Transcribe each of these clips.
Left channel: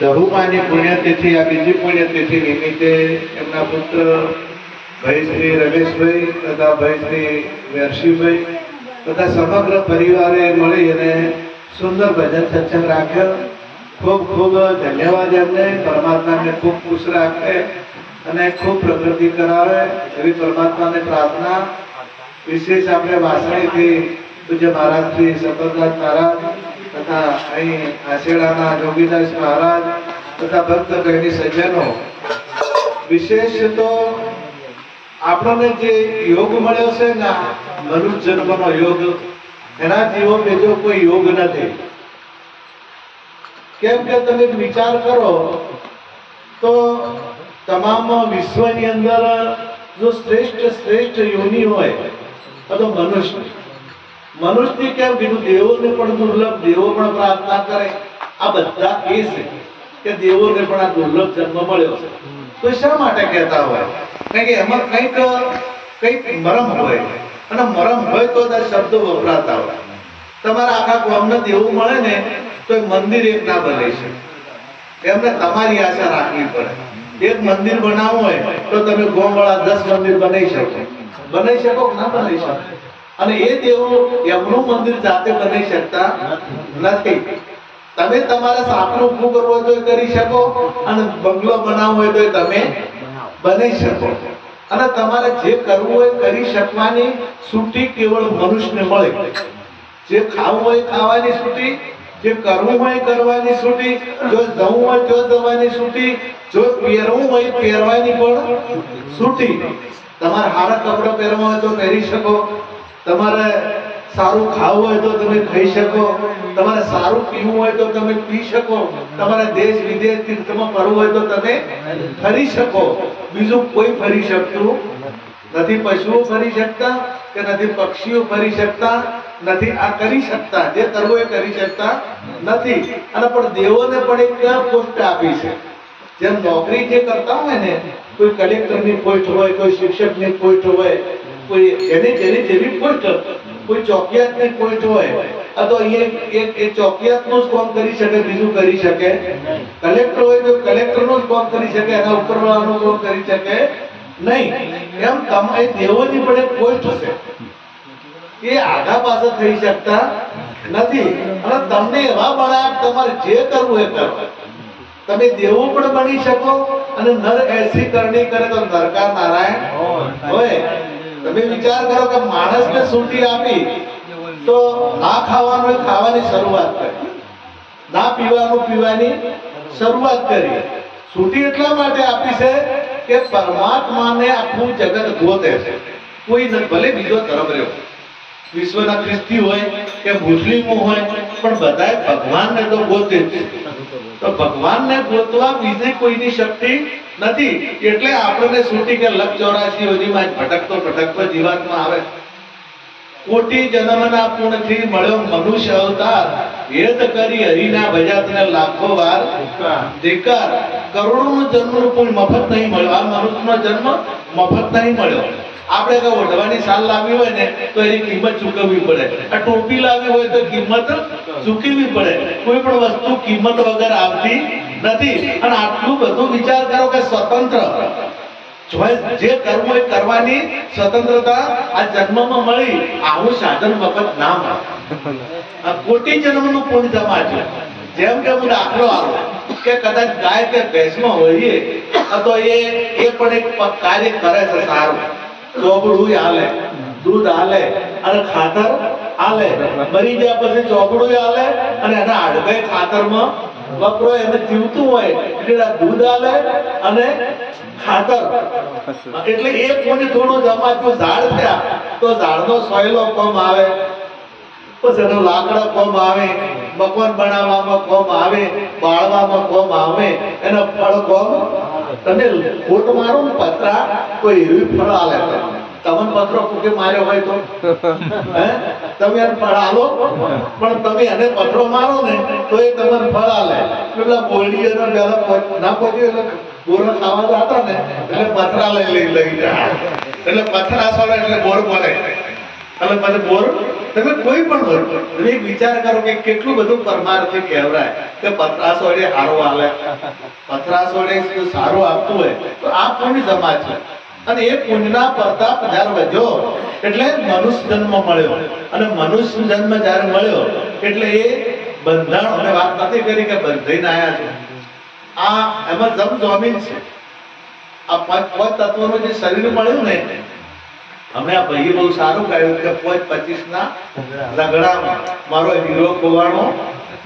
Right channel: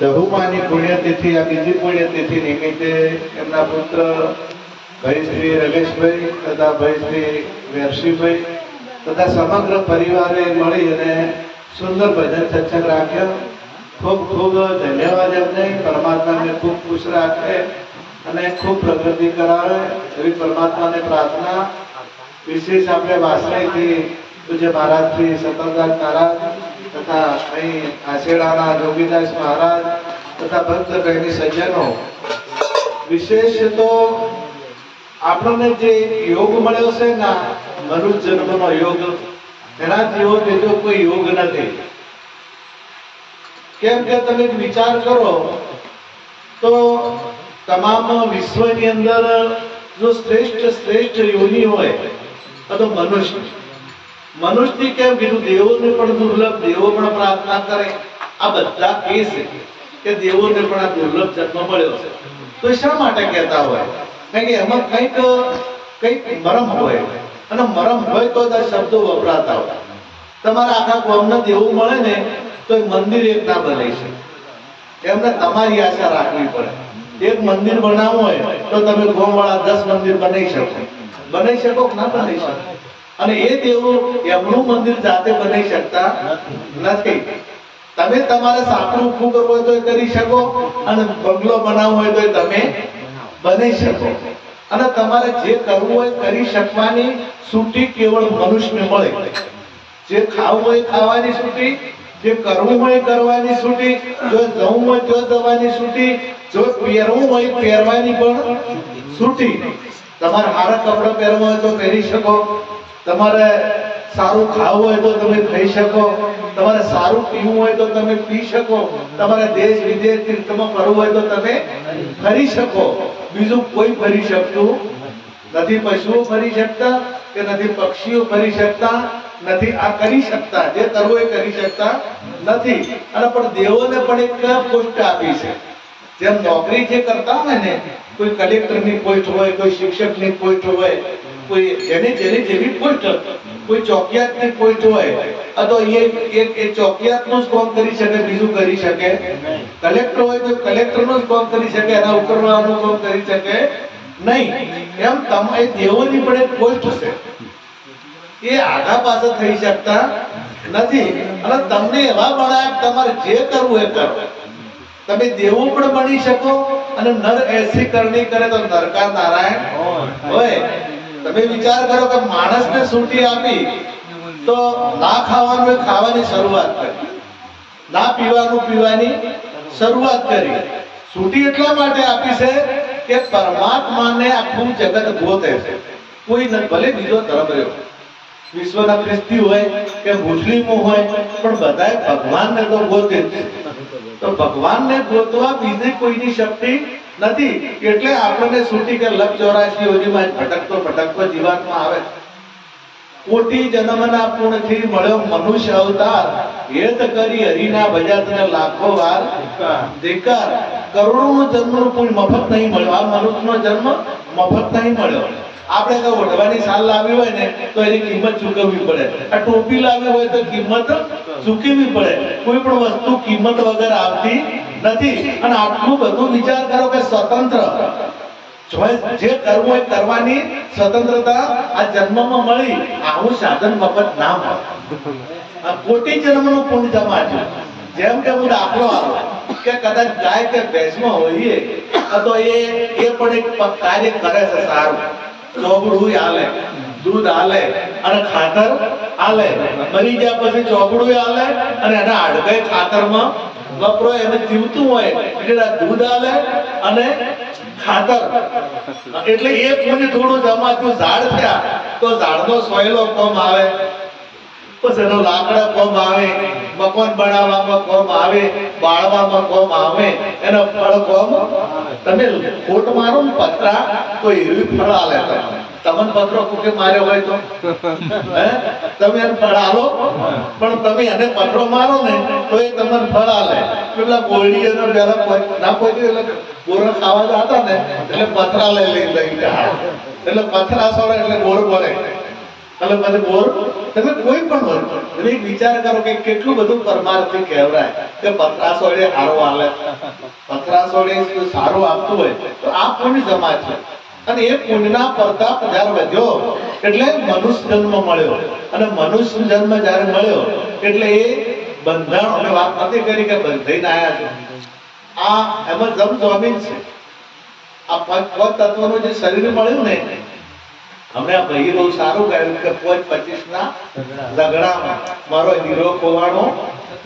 દહુમાની પુણ્યતિથિ આ બીજી પુણ્યતિથિ નિમિત્તે એમના પુત્ર ભાઈ શ્રી રમેશભાઈ તથા ભાઈ શ્રી વેરશીભાઈ તથા સમગ્ર પરિવારે મળી અને સુંદર ભજન સત્સંગ રાખ્યો. ખૂબ ખૂબ ધન્યવાદ એમને. પરમાત્મા એમને ખૂબ ખુશ રાખે અને ખૂબ પ્રગતિ કરાવે એવી પરમાત્માને પ્રાર્થના. વિશેષ આપણે વાસણીથી પૂજ્ય મહારાજ શ્રી સતતદાસ મહારાજ તથા અહીં આશેડાના જોગીદાસ મહારાજ તથા ભક્ત બહેની સજ્જનો, વિશેષ તો આપણને જે યોગ મળ્યો છે ને મનુષ્ય જન્મનો યોગ, એના જેવો બીજો કોઈ યોગ નથી. કેમ કે તમે વિચાર કરો તો તમામ વિશ્વની અંદર જો શ્રેષ્ઠ યોની હોય તો મનુષ્યની કેમ કીધું? દેવોને પણ દુર્લભ, દેવો પણ પ્રાર્થના કરે. આ બધા કે છે કે દેવોને પણ આ દુર્લભ જન્મ મળ્યો છે. તો શા માટે કહેતા હોય? કારણ કે એમાં કંઈક મરમ હોય, અને મરમ હોય તો આ શબ્દો વપરાતા હોય. તમારા આખા ગામને દેવું મળે ને તો મંદિર એક ના બને છે. એમને તમારી આશા રાખવી પડે. એક મંદિર બનાવવું હોય તો તમે ગામવાળા 10 મંદિર બનાવી શકો. બનાવી શકો કે ના બનાવી શકો? અને એ દેવું એમનું મંદિર જાતે બનાવી શકતા નથી. તમે તમારે સાપરું ઊભું કરવું હોય તો કરી શકો, અને બંગલો બનાવવો હોય તો તમે બનાવી શકો. અને તમારે જે કરવું હોય કરી શકવાની છૂટી કેવળ મનુષ્યને મળે. જે ખાવું હોય ખાવાની છૂટી, જે કરવું હોય કરવાની છૂટી, જો જવું હોય તો જવાની છૂટી, જો પહેરવું હોય પહેરવાની પણ છૂટી. તમારે સારા કપડા પહેરવા હોય તો પહેરી શકો, તમારે સારું ખાવું હોય તો તમે ખાઈ શકો, તમારે સારું પીવું હોય તો તમે પી શકો, તમારે દેશ વિદેશ તીર્થમાં ફરવું હોય તો તમે ફરી શકો. બીજું કોઈ ફરી શકતું નથી. પશુઓ ફરી શકતા કે નથી પક્ષીઓ ફરી શકતા નથી. આ કરી શકતા, જે કરવું એ કરી શકતા નથી. અને પણ દેવોને પણ એક પોસ્ટ આપી છે. જેમ નોકરી જે કરતા હોય ને, કોઈ કલેક્ટરની પોસ્ટ હોય, કોઈ શિક્ષકની પોસ્ટ હોય, કોઈ જેની જેવી પોસ્ટ, કોઈ ચોકિયાતની પોસ્ટ હોય, તો એક ચોકિયાતનું જ કામ કરી શકે, બીજું કરી શકે. કલેક્ટર હોય તો કલેક્ટરનું જ કામ કરી શકે, એના ઉપરવાળાનું કામ કરી શકે નહીં. એમ તમારે દેવોની પણ એક પોસ્ટ છે. એ આગા પાછળ થઈ શકતા નથી. અને તમને એવા બનાવ, તમારે જે કરવું એ કરો. તમે દેવો પણ બની શકો, અને નર એસી કરણી કરે તો નરકા નારાયણ હોય. તમે વિચાર કરો કે માણસને છૂટી આપી તો ના ખાવાનું ખાવાની શરૂઆત કરી, ના પીવાનું પીવાની શરૂઆત કરી. છૂટી એટલા માટે આપી છે કે પરમાત્માને આખું જગત ગોતે છે. કોઈ ભલે બીજો ધર્મ રહ્યો, વિશ્વના ખ્રિસ્તી હોય કે મુસ્લિમો હોય, પણ બધાએ ભગવાનને તો ગોતે છે. તો ભગવાનને ગોતવા બીજી કોઈની શક્તિ નથી. એટલે આપણને છૂટી કે લખ 84 યોનીમાં ભટકતો જીવાતમાં આવે. કોટી જન્મના પુણ્યથી મળ્યો મનુષ્ય અવતાર, હેત કરી હરિના ભજતને લાખો વાર ધિક્કાર. કરોડોનો જન્મનું પુણ્ય મફત નહીં મળ્યો. આ મનુષ્યનો જન્મ મફત નહીં મળ્યો. આપણે કઈ ઓઢવાની સાલ લાવી હોય ને તો એની કિંમત ચૂકવવી પડે. આ ટોપી લાવી હોય તો કિંમત ચૂકવવી પડે. કોઈ પણ વસ્તુ કિંમત વગર આવતી નથી. અને આટલું બધું વિચાર કરો કે સ્વતંત્ર જે કરવું હોય કરવાની સ્વતંત્રતા આ જન્મમાં મળી. આવું સાધન મફત ના મળે. કોટી જન્મનું પુણ્ય જમાડ્યું. જેમ કે હું દાખલો આલો કે કદાચ ગાય કે ભેંસમાં હોઈએ તો એ પણ એક કાર્ય કરે છે સારું. ચોબડું હાલે, દૂધ હાલે, અને ખાતર હાલે. મરી ગયા પછી ચોબડું હાલે, અને એના હાડકાઈ ખાતરમાં વપરો. એને જીવતું હોય એટલે દૂધ હાલે અને ખાતર. એટલે એ પુણ્ય થોડું જમાતું. ઝાડ થયા તો ઝાડનો સોયલો કોમ આવે, પછી એનો લાકડા કોમ આવે, મકાન બનાવવામાં કોમ આવે, બાળવામાં કોમ આવે, એના ફળ કોમ. તમે ખોટ મારો ને પતરા તો એવી ફળ આલે. તમને પતરો કુકે માર્યો હોય તો તમે એને ફળ આલો, પણ તમે એને પતરો મારો ને તો એ તમને ફળ આલે. પેલા બોરડી ના પહોંચી એટલે બોરો ખાવા જતા ને એટલે પથરા લઈ જાય. એટલે પથરા સોડે એટલે બોર બોલે. એટલે પછી બોર તમે કોઈ પણ બોલ તમે એક વિચાર કરો કે કેટલું બધું પરમારથી કહેવાય કે પથરાસોડે હારો હાલે, પથરાસોડે સારું આપતું હોય તો આ પુણ્ય સમાજ છે. અને એ પુણ્યના પ્રતાપ જ્યારે વધ્યો એટલે મનુષ્ય જન્મ મળ્યો. અને મનુષ્ય જન્મ જ્યારે મળ્યો એટલે એ બંધાણ, અમે વાત નથી કરી કે બંધાઈને આવ્યા છે, આ એમાં જમીન છે. આ પાંચ તત્વનું જે શરીર મળ્યું ને, અમે આ ભાઈએ બહુ સારું કહ્યું કે 25 ના ઝઘડામાં મારો હીરો ખોવાણો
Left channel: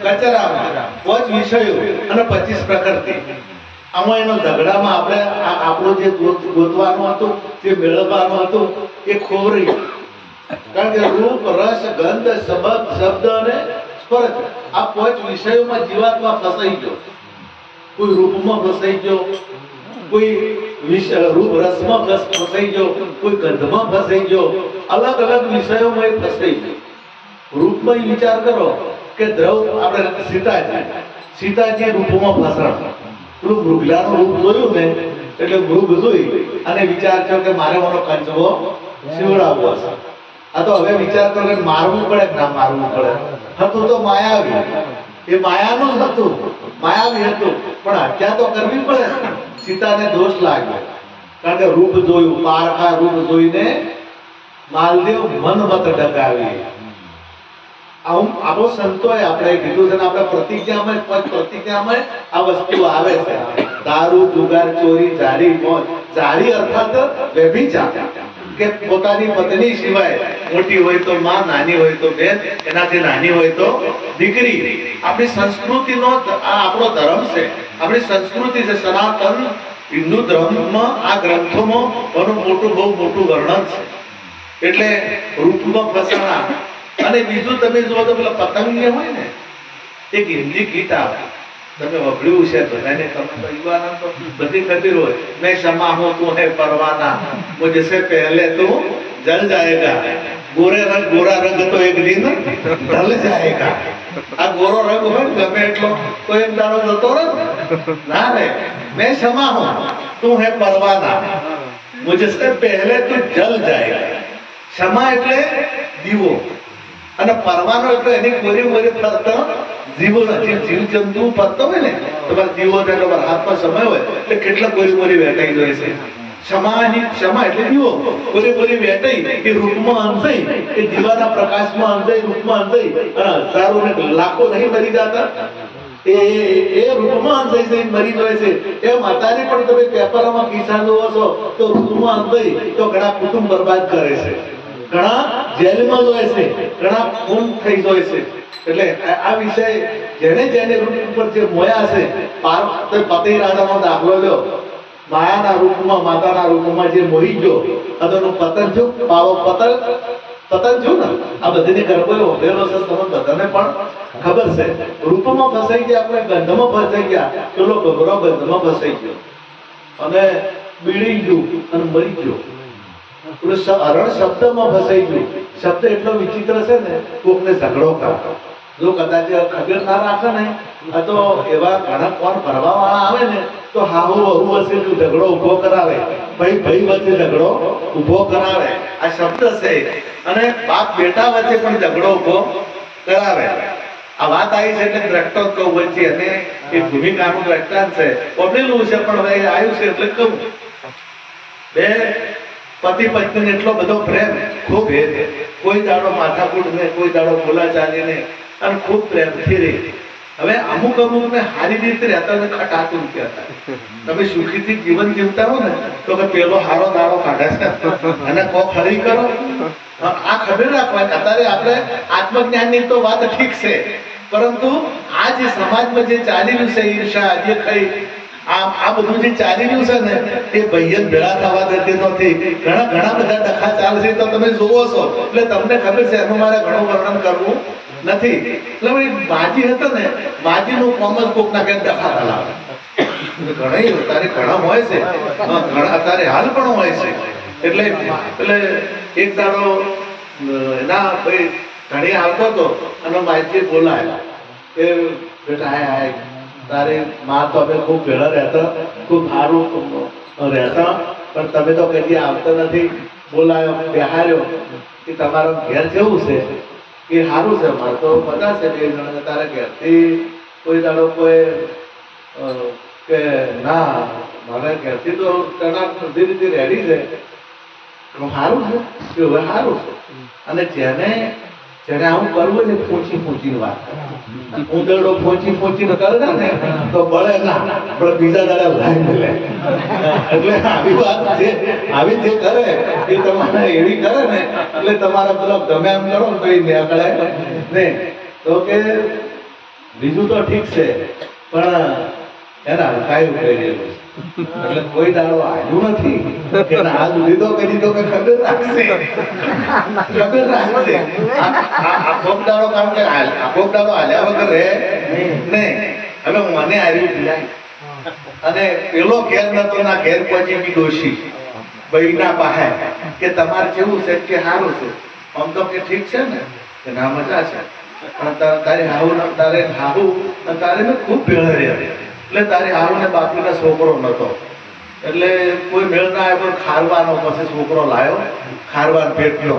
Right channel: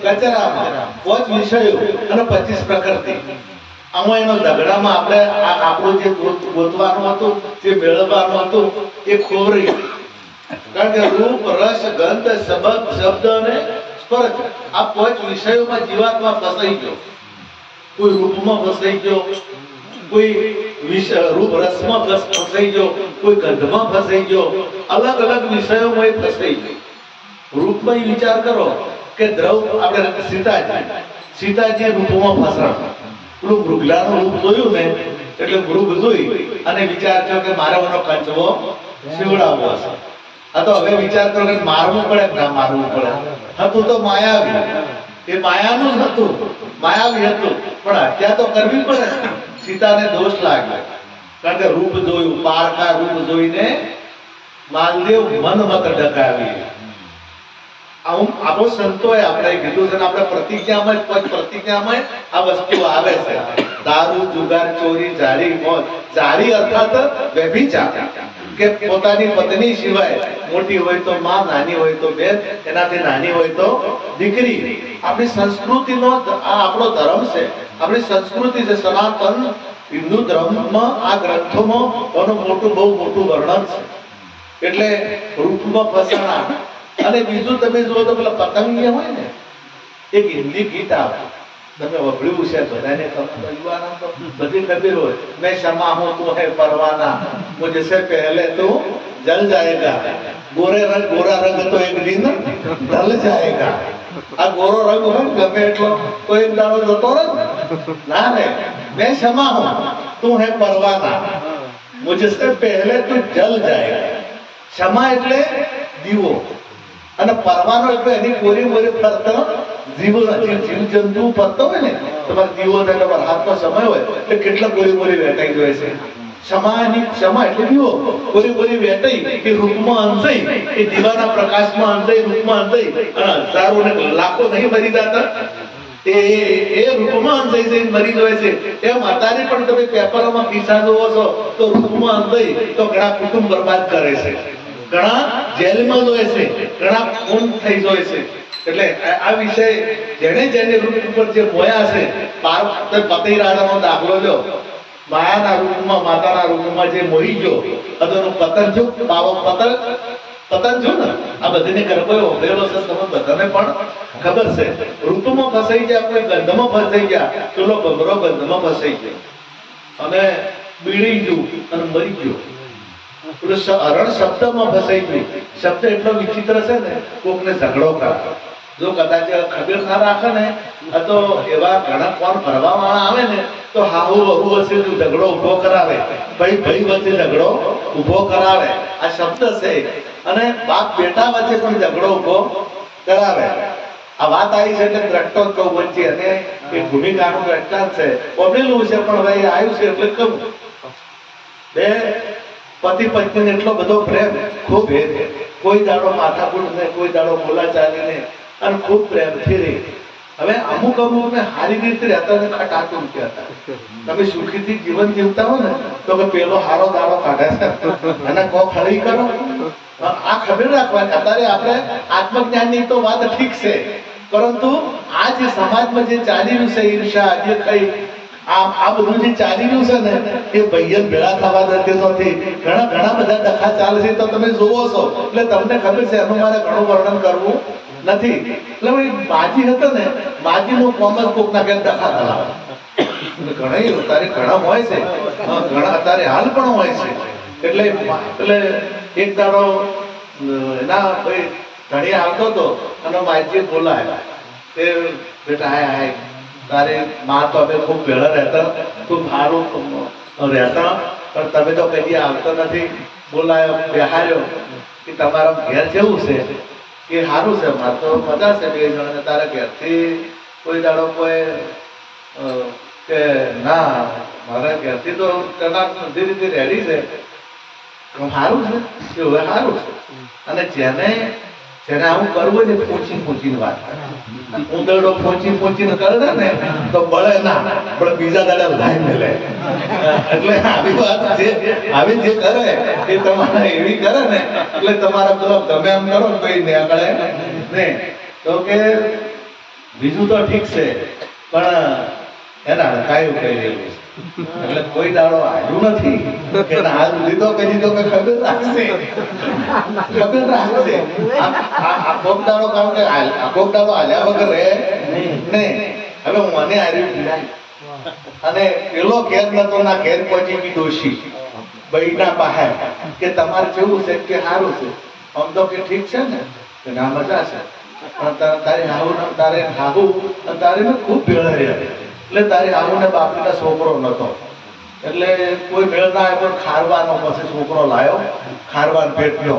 કચરામાં, 5 વિષયો અને 25 પ્રકૃતિ. આમાં એનો ઝઘડામાં આપણે આપણું જે ગોતવાનું હતું, જે મેળવવાનું હતું એ ખોવરી. કારણ કે રૂપ, રસ, ગંધ, શબ્દ અને સ્પર્શ આ 5 વિષયોમાં જીવાત્મા ફસાઈ ગયો. કોઈ રૂપમાં ફસાઈ ગયો, કોઈ રૂપ રસમાં ફસાઈ ગયો, કોઈ ગંધમાં ફસાઈ ગયો, અલગ અલગ વિષયોમાં એ ફસાઈ ગયો. રૂપમાં વિચાર કરો કે દ્રવ આપણે સીતાજી રૂપમાં ફસાણ. પેલું મૃગલાનું રૂપ જોયું ને એટલે મૃગ જોઈ અને વિચાર થયો કે મારે મને કંચવો શિવડાવવો હશે. આ તો હવે વિચાર કરો કે મારવું પડે કે ના મારવું પડે. હતું તો માયાવી, એ માયાનું જ હતું, માયાવી હતું, પણ હત્યા તો કરવી પડે. સીતાને દોષ લાગ્યો કારણ કે રૂપ જોયું, પારખા રૂપ જોઈને માલદેવ મન મત ડકાવી. આવું આપણો સંતોએ આપણે કીધું છે ને, આપણે પ્રતિજ્ઞામાં આ વસ્તુ આવે છે. દારૂ, જુગાર, ચોરી, જારી, મોજ. જારી અર્થાત વ્યભિચાર, કે પોતાની પત્ની સિવાય, મોટી હોય તો માં, નાની હોય તો બેન, એનાથી નાની હોય તો દીકરી. આપણી સંસ્કૃતિનો આ આપણો ધર્મ છે, આપણી સંસ્કૃતિ છે. સનાતન હિન્દુ ધર્મમાં આ ગ્રંથોમાં બહુ મોટું વર્ણન છે. એટલે રૂપમાં ફસાણા. અને બીજું તમે જુઓ તો પેલા પતંગિયા હોય ને, એક હિન્દી ગીત આવે, તમે વભળ્યું છે તો એને તમે તો યુવાના તો બધી ખબર હોય, મેં શમા હું તું હૈ પરવાના, મુझे से पहले तू जल जाएगा, ગોરા રંગ તો એક દિન ઢલ જાએગા. આ ગોરો રંગ હોય ગમે એટલો તો એક દાડો જતો રહે ના રે. મેં શમા હું તું હૈ પરવાના, મુझे से पहले तू जल जाएगा. ક્ષમા એટલે દીવો અને પરવાનો એટલે એની કોરી ફરતો જીવો નથી. જીવ જંતુ ફરતો હોય ને તમારે દીવો થયો હાથમાં સમય હોય એટલે કેટલા કોરી વેટાઈ જાય છે. ક્ષમા એટલે દીવો, કોરી વેટાઈ એ રૂપમાં અંધાઈ, એ દીવાના પ્રકાશમાં અંધાઈ, રૂપમાં અંધાઈ, અને હજારો ને લાખો નહીં મરી જતા, એ રૂપમાં અંધાઈ જઈને મરી જાય છે. એમ અત્યારે પણ તમે પેપરમાં કિસ્સા જોવો છો તો રૂપમાં અંધાઈ તો ઘણા કુટુંબ બરબાદ કરે છે, ઘણા જેલમાં જોય છે, ઘણા ખૂન થઈ જાય છે. એટલે આ વિષય જેને રૂપ ઉપર જે મોયા છે, પતિ રાધાનો દાખલો લો, માયાના રૂપમાં, માતાના રૂપમાં જે મોહી ગયો અદોનું પતન જો પાવો પતન જો ને, આ બધીને ગરબો ઉભેલો છે, તમે બધાને પણ ખબર છે. રૂપમાં ફસાઈ ગયા, આપણે ગંધમાં ફસાઈ ગયા, પેલો ગભરો ગંધમાં ફસાઈ ગયો અને બીડી ગયું અને મરી ગયો. અરણ શબ્દમાં ફસાઈ ગયું. શબ્દ એટલો વિચિત્ર છે ને, કોકને ઝઘડો કરે, જો કદાચ ખબર ના રાખે ને તો એવા ઘણા કોણ ભરવા વાળા આવે ને તો હાહુ વહુ વચ્ચે ઝઘડો ઉભો કરાવે, ભાઈ વચ્ચે ઝઘડો ઉભો કરાવે. આ શબ્દ છે. અને બાપ બેટા વચ્ચે પણ ઝઘડો ઉભો કરાવે. આ વાત આવી છે એટલે દ્રષ્ટો કહું વચ્ચે, અને એ ભૂમિકાનું દ્રષ્ટાંત છે, બનેલું છે પણ ભાઈ આવ્યું છે એટલે કહું. બે પતિ પત્ની એટલો બધો પ્રેમ, ખૂબ કોઈ દાડો માથાકૂટ ને, કોઈ દાડો બોલાચાલી ને, અને ખૂબ પ્રેમથી રહે. હવે અમુક ને સારી રીતે રહેતા ને ખટાતું કહેતા. તમે સુખીથી જીવન જીવતા હો ને તો કે પેલો હારો દાડો કાઢે છે અને કો ખરી કરો. આ ખબર રાખવાની. અત્યારે આપણે આત્મજ્ઞાનની તો વાત ઠીક છે, પરંતુ આ જે સમાજમાં જે ચાલી રહ્યું છે, ઈર્ષા, જે કઈ આ બધું જે ચાલી રહ્યું છે ને, એ ભૈયન ભેળા થવા દેતી નથી. ઘણા બધા ડખા ચાલે છે તો તમે જોવો છો એટલે તમને ખબર છે. એનું મારે ઘણું વર્ણન કરવું નથી. એટલે માજી હતો ને, માજીનું કોમ જ કોક ના કે ડખા ચલાવે. ઘણા હોય છે, ઘણા અત્યારે હાલ પણ હોય છે. એટલે એક દાડો એના ભાઈ ધણી આવતો હતો અને માજી બોલાય કે બેટા આય તારે માં તો અમે ખૂબ ભેળા રહેતા, ખૂબ સારું રહેતા, પણ તમે તો કદી આવતા નથી. બોલાયો, બેહાર્યો કે તમારા ઘેર જેવું છે કે સારું છે, મારે તો મજા છે 2 જણા. તારે ઘેરથી કોઈ દાડો કોઈ કે ના મારે ઘેરથી તો બધી રીતે રેડી છે, સારું છે કે હવે સારું છે. અને જેને આવું કરવું હોય ને પૂછીને વાત ઉંદરડો પૂછીને કરે ને તો બળે ના, પણ બીજા દાડા લાઈન લે. એટલે આવી વાત આવી જે કરે એ તમારે એવી કરે ને એટલે તમારા પેલો ગમે એમ કરો ને કઈ નીકળે નહીં. તો કે બીજું તો ઠીક છે પણ એને હડકાયું કહી રહેલું છે. એટલે કોઈ દાડો આવ્યું નથી કે હાથ લીધો કે દીધો કે ખબર રાખશે. આ કોક દાડો કારણ કે આ કોક દાડો હાલ્યા વગર રહે નહીં. હવે મને આવી અને પેલો ઘેર નતો ના ઘેર પહોંચી બી ડોશી બૈના બહાર કે તમારે કેવું છે કે સારું છે, આમ તો કે ઠીક છે ને કે ના મજા છે, પણ તારી હાહુ તારે ખૂબ ભેળ રહ્યા. એટલે તારી હાહુ ને બાપીના છોકરો નતો એટલે કોઈ મેળ ના આવ્યો, પણ ખારવાનો પછી છોકરો લાયો, ખારવાન પેટનો.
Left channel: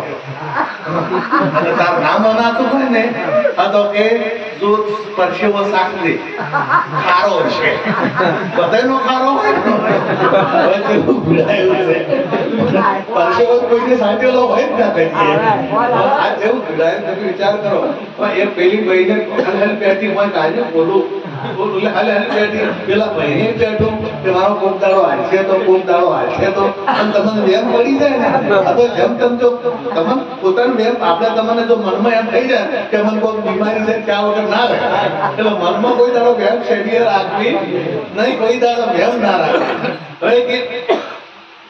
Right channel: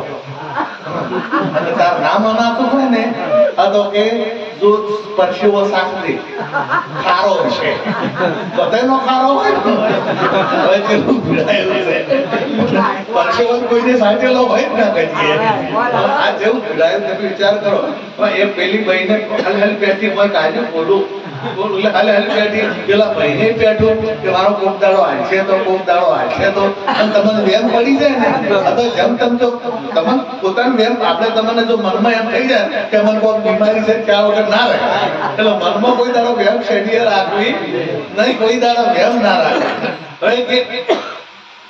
અને તાર નામ અનાતું હોય ને આ તો કે જો પરસેવો સાકરી ખારો છે, બધાનો ખારો હોય. હવે કેવું ભીડાયું છે, પરસેવો કોઈને સાંટેલો હોય જ ના કહીએ. આ જેવું ભીડાયું તમે વિચાર કરો. એ પેલી બહેને હાલ પેટી હોય કાજુ બોલું પેલા ભાઈને પેઠું કે મારો કોક દાડો હાલશે તો કોક દાડો હાલશે તો તમને વેમ પડી જાય ને. તો જેમ તેમ તો તમને પોતાનું વેમ આપણે તમને જો મનમાં એમ થઈ જાય કે મને કોઈ બીમારી છે ત્યાં વગર ના રહે, એટલે મનમાં કોઈ દાડો વેમ શેડીએ રાખવી નહીં, કોઈ દાડો વેમ ના રાખવી.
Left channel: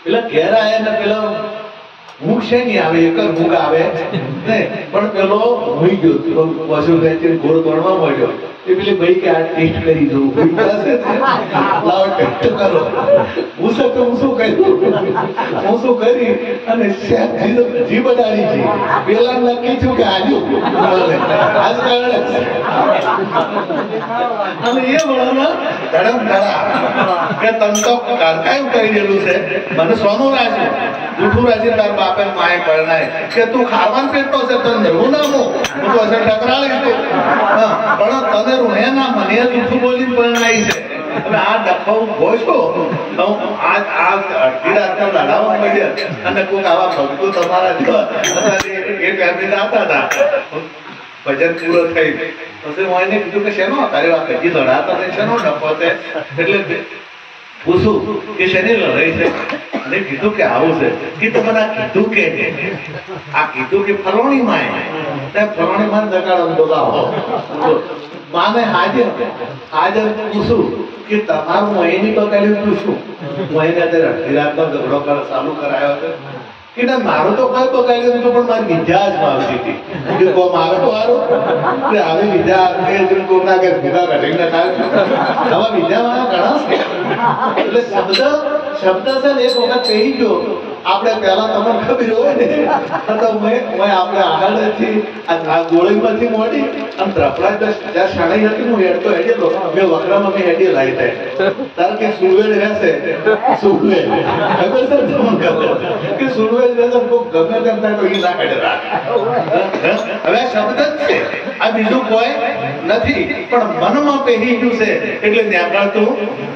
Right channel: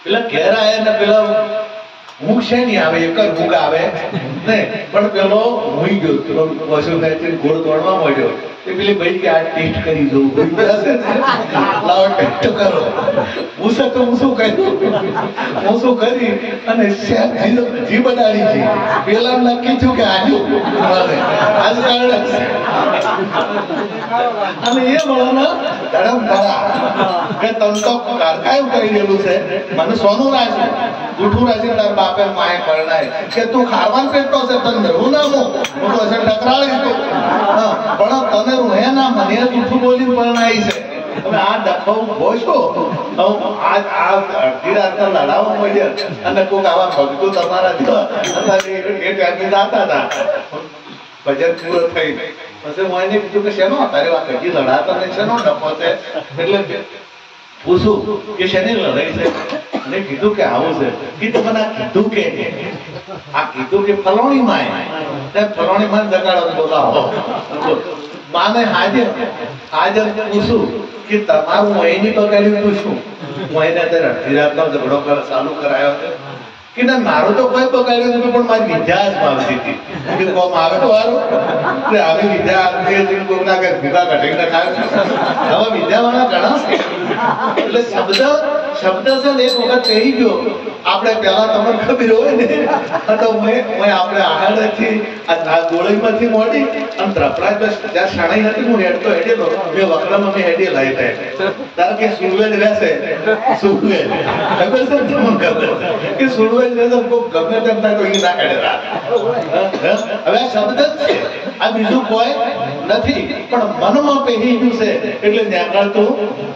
પેલા ઘેર આયા ને પેલા ઊંઘ છે નહીં આવે, એક જ ઊંઘ આવે નહીં, પણ પેલો હોઈ ગયો, પેલો પશુ ખેંચીને ઘોડ દોડવા માંડ્યો. પેલી ભાઈ કે આ ટેસ્ટ કરી દઉં, લાવો ટેસ્ટ કરો. હું શું કર્યું, હું શું કરી અને જીભ અડાડી છે. પેલા નક્કી થયું કે આજુ આજ કારણે અને એ વળાના ધડમ ધડા કે તમ તો કારકાયું કરી દેલું છે, મને સોનું રાખ્યું જૂઠું રાજી તાર બાપે માય પરણાય કે તું ખાવાનું પેટતો છે, તને નવું નામું હું તો હશે ટકરાળી તું. પણ તને રૂહે ના મને જૂઠું બોલીને પરણાય છે. હવે આ ડખો ભોજો અડધી રાતના લડાવવા મળ્યા અને કોઈક આવા ભક્તો તમારા જેવા એ ટાઈમે જાતા હતા. ભજન પૂરો થઈ પછી હું એને કીધું કે શેનો તારે આ કદી લડાતા ને શેનો ડખો છે, એટલે પૂછું કે શેની લડાઈ છે. અને કીધું કે આવું છે કે તમને કીધું કે આ કીધું કે ફલોણી માય ફલોણી માં જગાડો બોલાવો. માને હાજર પૂછું કે તમારું અહીંની બગાડ્યું તું શું, હું એને અત્યારે અડધી રાતનો ઝઘડો ચાલુ કરાયો છે કે ના મારું તો કોઈ બગાડ્યું નથી, પણ મારી વિદ્યા જ આવતી હતી. હું કોમ આવે તો સારું આવી વિદ્યા કોકના કઈ ભૂગા ઘટીને ખાય છે. હવે વિદ્યા વાળા ઘણા છે. એટલે શબ્દ છે ને એક વખત કહી ગયો આપણે પેલા તમને ખબર હોય ને તો આપણે આહાડથી આ ગોળીમાંથી મોડી અને ત્રપડા જ્યાં શણાઈ હતી હું હેડતો હેડેલો મેં વકડામાં મેં હેડી લાવી થાય તાર કે સુરવેલ રહેશે સુરવેલ ખબર છે તમને ખબર કે સુરવેલ રહેશે ગમે તેમ થાય તો એ ના હેડેલા. હવે આ શબ્દ જ છે, આ બીજું કોઈ નથી, પણ મનમાં પહેરી ગયું છે એટલે નીકળતું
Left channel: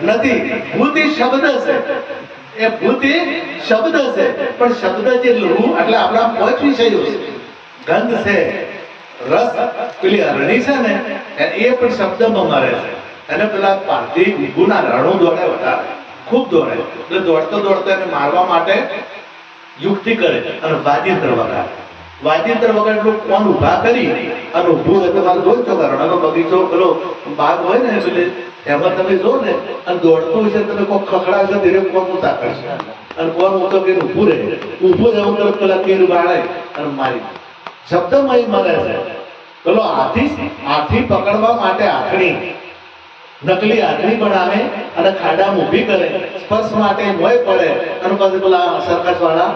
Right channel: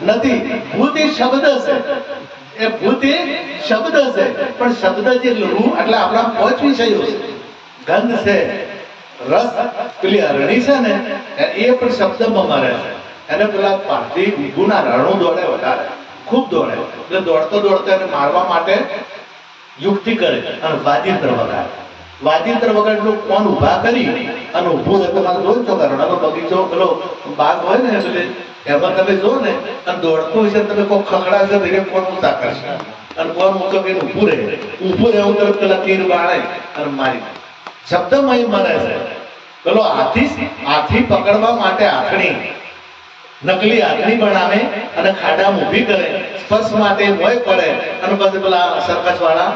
નથી. ભૂતિ શબ્દ છે, એ ભૂતિ શબ્દ છે, પણ શબ્દ જે લહુ એટલે આપણા 5 વિષયો છે. ગંધ છે, રસ પેલી અરણી છે ને એ પણ શબ્દમાં મારે છે. એને પેલા પારધી ઊભુના રણું દોડે વધારે ખૂબ દોડે, એટલે દોડતો એને મારવા માટે યુક્તિ કરે અને વાજિંત્ર વગાડે. વાજિંત્ર વગાડે કોણ ઉભા કરી અને ઊભું હોય તમારે જોઈ છો રણાનો બગીચો પેલો બાગ હોય ને એટલે એમાં તમે જો ને અને દોડતું હશે તમે કોઈ ખખડાશે તો એ કોણ ઊંચા કરશે અને કોણ ઊંચો કરીને ઊભું રહેવું તરફ પેલા તીર બાળાય અને મારી શબ્દમય મરે છે. પેલો હાથી પકડવા માટે આંખણી નકલી આંખણી બનાવે અને ખાડામાં ઊભી કરે, સ્પર્શ માટે મોય પડે અને પછી પેલા સરકસ વાળા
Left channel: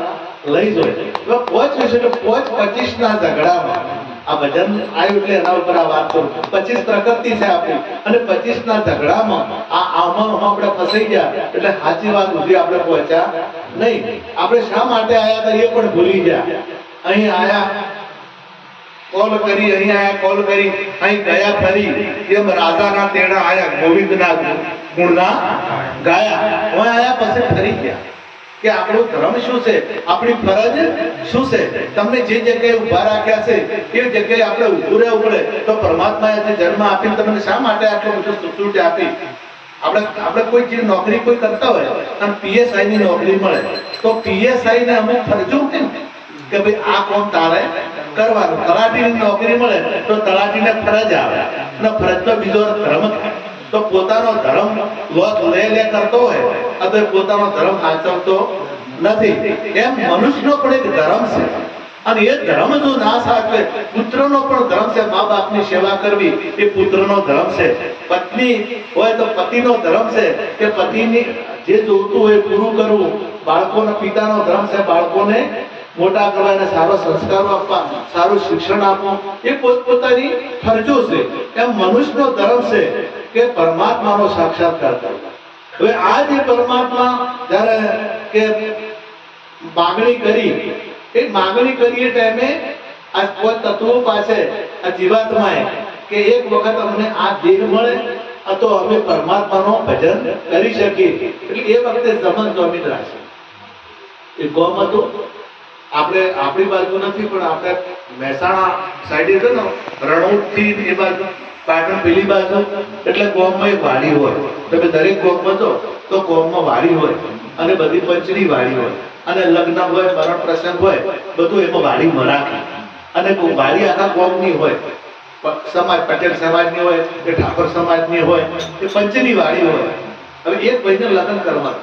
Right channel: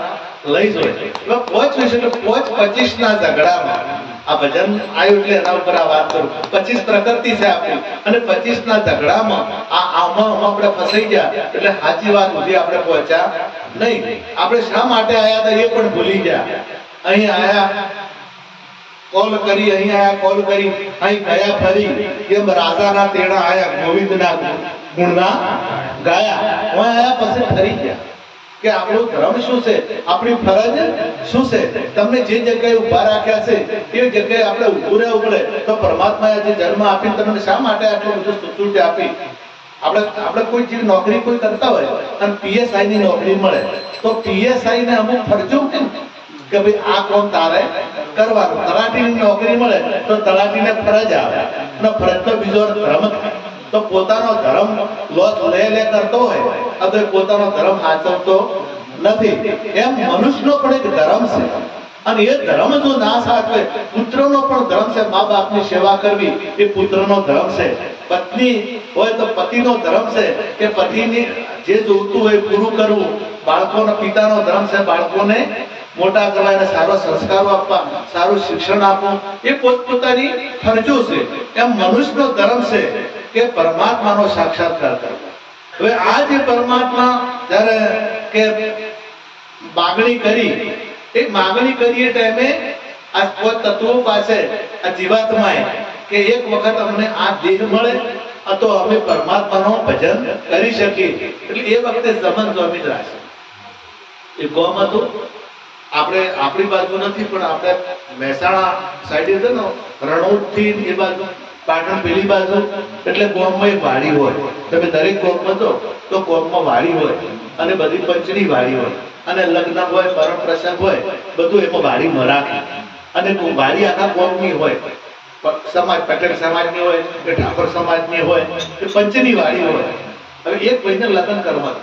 લઈ જાય. 5 વિશે 25 ના ઝઘડામાં આ ભજન આવ્યું એટલે એના ઉપર આ વાત કરું. 25 પ્રકૃતિ છે આપણી, અને 25 ના ઝઘડામાં આમાં આપણે ફસાઈ ગયા એટલે સાચી વાત સુધી આપણે પહોંચ્યા નહીં. આપણે શા માટે આયા હતા એ પણ ભૂલી ગયા. અહીં આયા કોલ કરી, અહીં આયા કોલ કરી, અહીં ગયા ફરી, એમ રાજાના તેડા આયા, ગોવિંદના ગુણના ગાયા. હું આયા પછી ફરી ગયા કે આપણો ધર્મ શું છે, આપણી ફરજ શું છે. તમને જે જગ્યાએ ઉભા રાખ્યા છે એ જગ્યાએ આપણે ઉભું રહેવું પડે. તો પરમાત્માએ જે જન્મ આપીને તમને શા માટે આટલો બધો સુતુર્જ આપી? આપણે કોઈ જે નોકરી કોઈ કરતા હોય અને પીએસઆઈ ની નોકરી મળે તો પીએસઆઈ ને અમુક ફરજો કે ભાઈ આ કોમ તારે કરવાનું. તલાટીની નોકરી મળે તો તલાટીને ફરજ આવે, અને ફરજ તો બીજો ધર્મ. તો પોતાનો ધર્મ લે કરતો હોય તો પોતાનો ધર્મ આચરતો નથી. એમ મનુષ્યનો પણ એક ધર્મ છે, અને એ ધર્મ જો ના સાચવે, પુત્રનો પણ ધર્મ છે. મા બાપની સેવા કરવી એ પુત્રનો ધર્મ છે. પત્ની હોય તો પતિનો ધર્મ છે કે પતિની જે જોતું હોય પૂરું કરવું. બાળકોના પિતાનો ધર્મ છે બાળકોને મોટા કરવા, એને સારો સંસ્કારો આપવા, સારું શિક્ષણ આપવું. એ પોતપોતાની ફરજો છે. એમ મનુષ્યનો ધર્મ છે કે પરમાત્માનો સાક્ષાત્કાર કરવો. હવે આ જે પરમાત્મા જ્યારે કે માગણી કરી, એ માગણી કરી એ ટાઈમે આ તત્વો પાસે આ જીવાત્માએ કે એક વખત અમને આ દેહ મળે તો અમે પરમાત્માનો ભજન કરી શકીએ. એટલે એ વખતે જમન સ્વામી રાશે એ ગોમ હતું. આપણે આપણી બાજુ નથી પણ આપણે મહેસાણા સાઈડે છે ને, રણોદ થી એ બાજુ, પાટણ પેલી બાજુ, એટલે ગોમમાં એક વાડી હોય. તમે દરેક ગોમમાં જો તો ગોમમાં વાડી હોય, અને બધી પંચની વાડી હોય, અને લગ્ન હોય, મરણ પ્રસંગ હોય, બધું એમાં વાડીમાં રાખે. અને વાડી આખા ગોમની હોય. સમાજ પટેલ સમાજની હોય કે ઠાકોર સમાજની હોય કે પંચની વાડી હોય. હવે એક ભાઈને લગ્ન કરવા,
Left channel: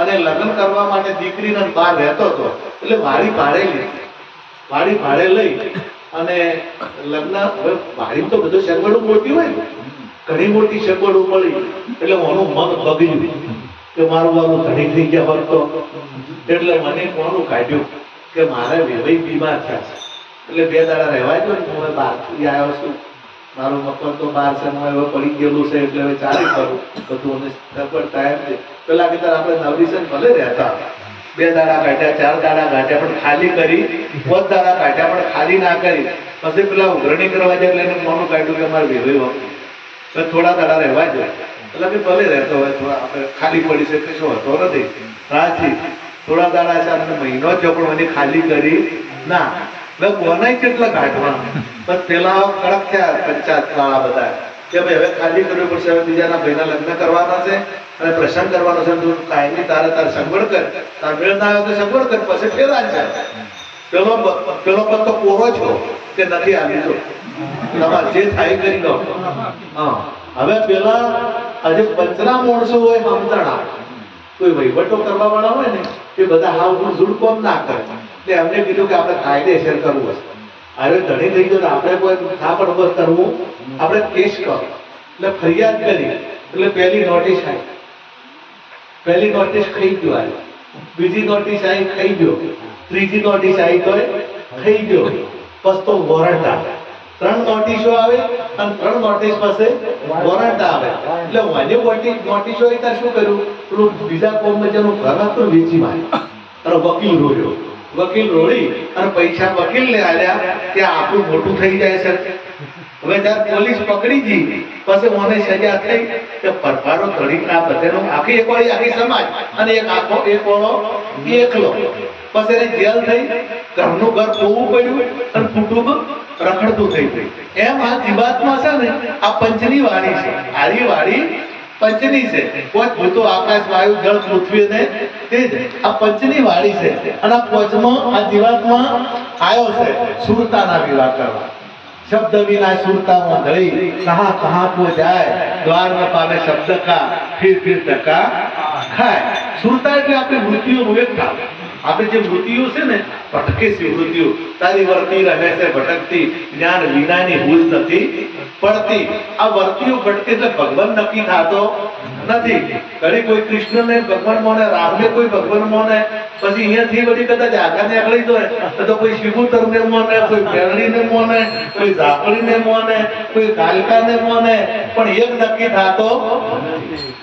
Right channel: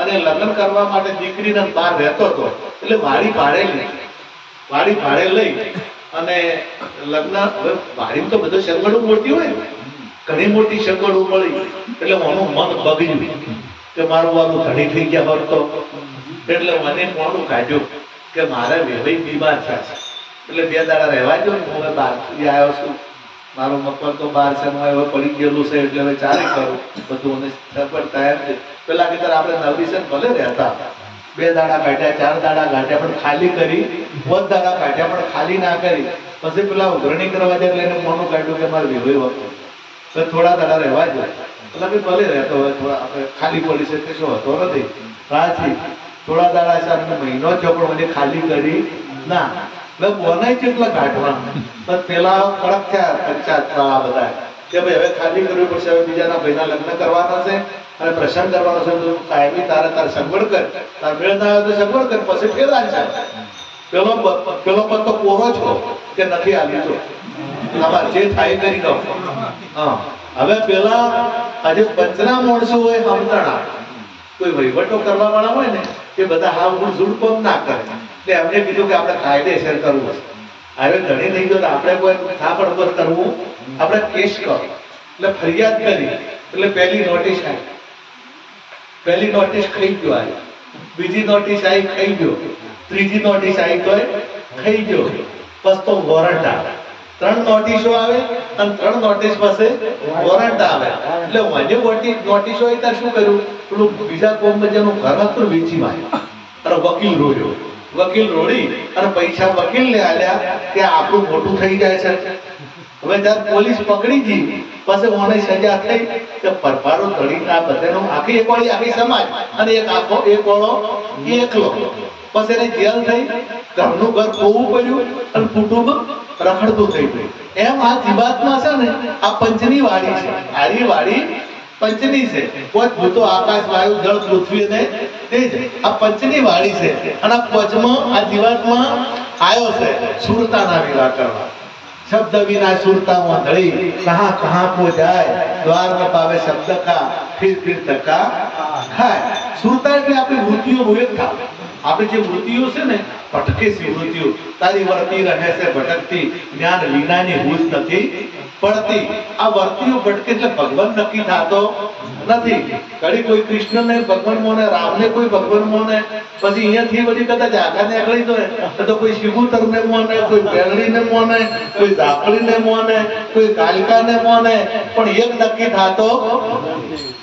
અને લગ્ન કરવા માટે દીકરીને બહાર રહેતો હતો, એટલે વાડી ભાડે લઈ અને લગ્ન. હવે વાડી તો બધું સગવડો મોટી હોય, ઘણી મોટી સગવડો મળી. એટલે મારું મન બગડ્યું કે મારું વાલું ધણી થઈ ગયા હોત તો. એટલે મને કોનું કાઢ્યું કે મારે વેવાઈ બીમાર થયા છે, એટલે 2 દાડા રહેવા દો. હું બહારથી આવ્યો છું, મારું મકાન તો બહાર છે, હવે પડી ગયેલું છે, એટલે હવે ચાલે કરું બધું. સગવડ તૈયાર છે. પેલા કે આપણે નવરીસન ભલે રહેતા, 2 દાડા કાઢ્યા, 4 દાડા કાઢ્યા, પણ ખાલી કરી. 5 દાડા કાઢ્યા પણ ખાલી ના કરી. પછી પેલા ઉઘરણી કરવા જાય એટલે એને મોનું કાઢ્યું કે મારે વેવાઈ વાપરું, તો થોડા દાડા રહેવા દો. એટલે કે ભલે રહેતો હોય, થોડા આપણે ખાલી પડી છે કે શું હતો નથી રાજી. થોડા દાડા છે, અમને મહિનો થયો પણ મને ખાલી કરી ના. બોનાય કેટલા કાઢવા, પણ પેલા કડક થયા પંચાયત વાળા બધા કે ભાઈ હવે ખાલી કરવી પડશે, હવે બીજાના ભાઈના લગ્ન કરવાના છે અને પ્રસંગ કરવાનો છે, તું કાયમી તારે સગવડ કર, તાર મેળ ના આવે તો સગવડ કર. પછી ફેરા છે. પેલો પત્તો કોરો છો કે નથી આવી તો તમારે જે થાય કરી દો. હા, હવે પેલા હજી પંચના માણસો હોય, સમજણા કોઈ વહીવટો કરવા વાળા હોય ને, એ બધા હાવ ઝુડકો ના કરે. એટલે એમને કીધું કે આપણે કાયદેસર કરવું હશે. હવે ધણી થઈ ગયો તો આપણે કોઈ થાપડ ઉપર કરવું, આપણે કેસ કરો. એટલે ફરિયાદ કરી, એટલે પહેલી નોટિસ આવી, પહેલી નોટિસ ખાઈ ગયો આવે, બીજી નોટિસ આવી ખાઈ ગયો, ત્રીજી નોટિસ આવી તો ખાઈ ગયો. પછી તો વોરંટ આવે. 3 નોટિસો આવે અને 3 નોટિસ પાસે વોરંટ આવે. એટલે મને નોટિસ હોય ત્યારે શું કર્યું, પેલું બીજા કોમમાં જેનું ઘર હતું વેચી માર્યું, અને વકીલ રોડ્યો. વકીલ રોડી અને પૈસા વકીલ ને આલ્યા કે આપણું મોટું થઈ જાય છે. હવે જયારે પોલીસ પકડી ગઈ પછી મને સજા થઈ કે પરભારો ધડી આ બધાનો આખી એક વાળી આખી સમાજ અને એક આખો એક વાળો એકલો. પછી એને જેલ થઈ, ઘરનું ઘર ખોવું પડ્યું અને કુટુંબ રખડતું થઈ ગયું. એમ આ જીવાતમાં છે ને, આ પંચની વાડી છે. આરી વાડી પંચની છે. કોઈ ભૂતો આકાશ, વાયુ, જળ, પૃથ્વી ને તે જ આ પંચની વાડી છે. અને આ પંચમાં આ જીવાતમાં આવ્યો છે સુરતાના વિવાહ કરવા. शब्द विना सुरता मोंधड़ी कहाँ कहाँ को जाए, द्वार में पावे शब्द का फिर धक्का खाए. सुरता એટલે આપણી વૃત્તિઓનું એક ભાગ. આપણે જે વૃત્તિઓ છે ને, ભટકે છે વૃત્તિઓ, તારી વર્તી રહે છે ભટકતી, જ્ઞાન વિનાની ભૂલ નથી પડતી આ વર્તીઓ ભટકે એટલે ભગવાન નક્કી થતો નથી. ઘડી કોઈ કૃષ્ણને ભગવાન મોને, રામને કોઈ ભગવાન મોને, પછી અહીંયાથી વળી કદાચ આગાને અકળી જાય તો કોઈ શિબુતરને મોને, કોઈ પેરણીને મોને, કોઈ ઝાપડીને મોને, કોઈ કાલિકાને મોને, પણ એક નક્કી થતો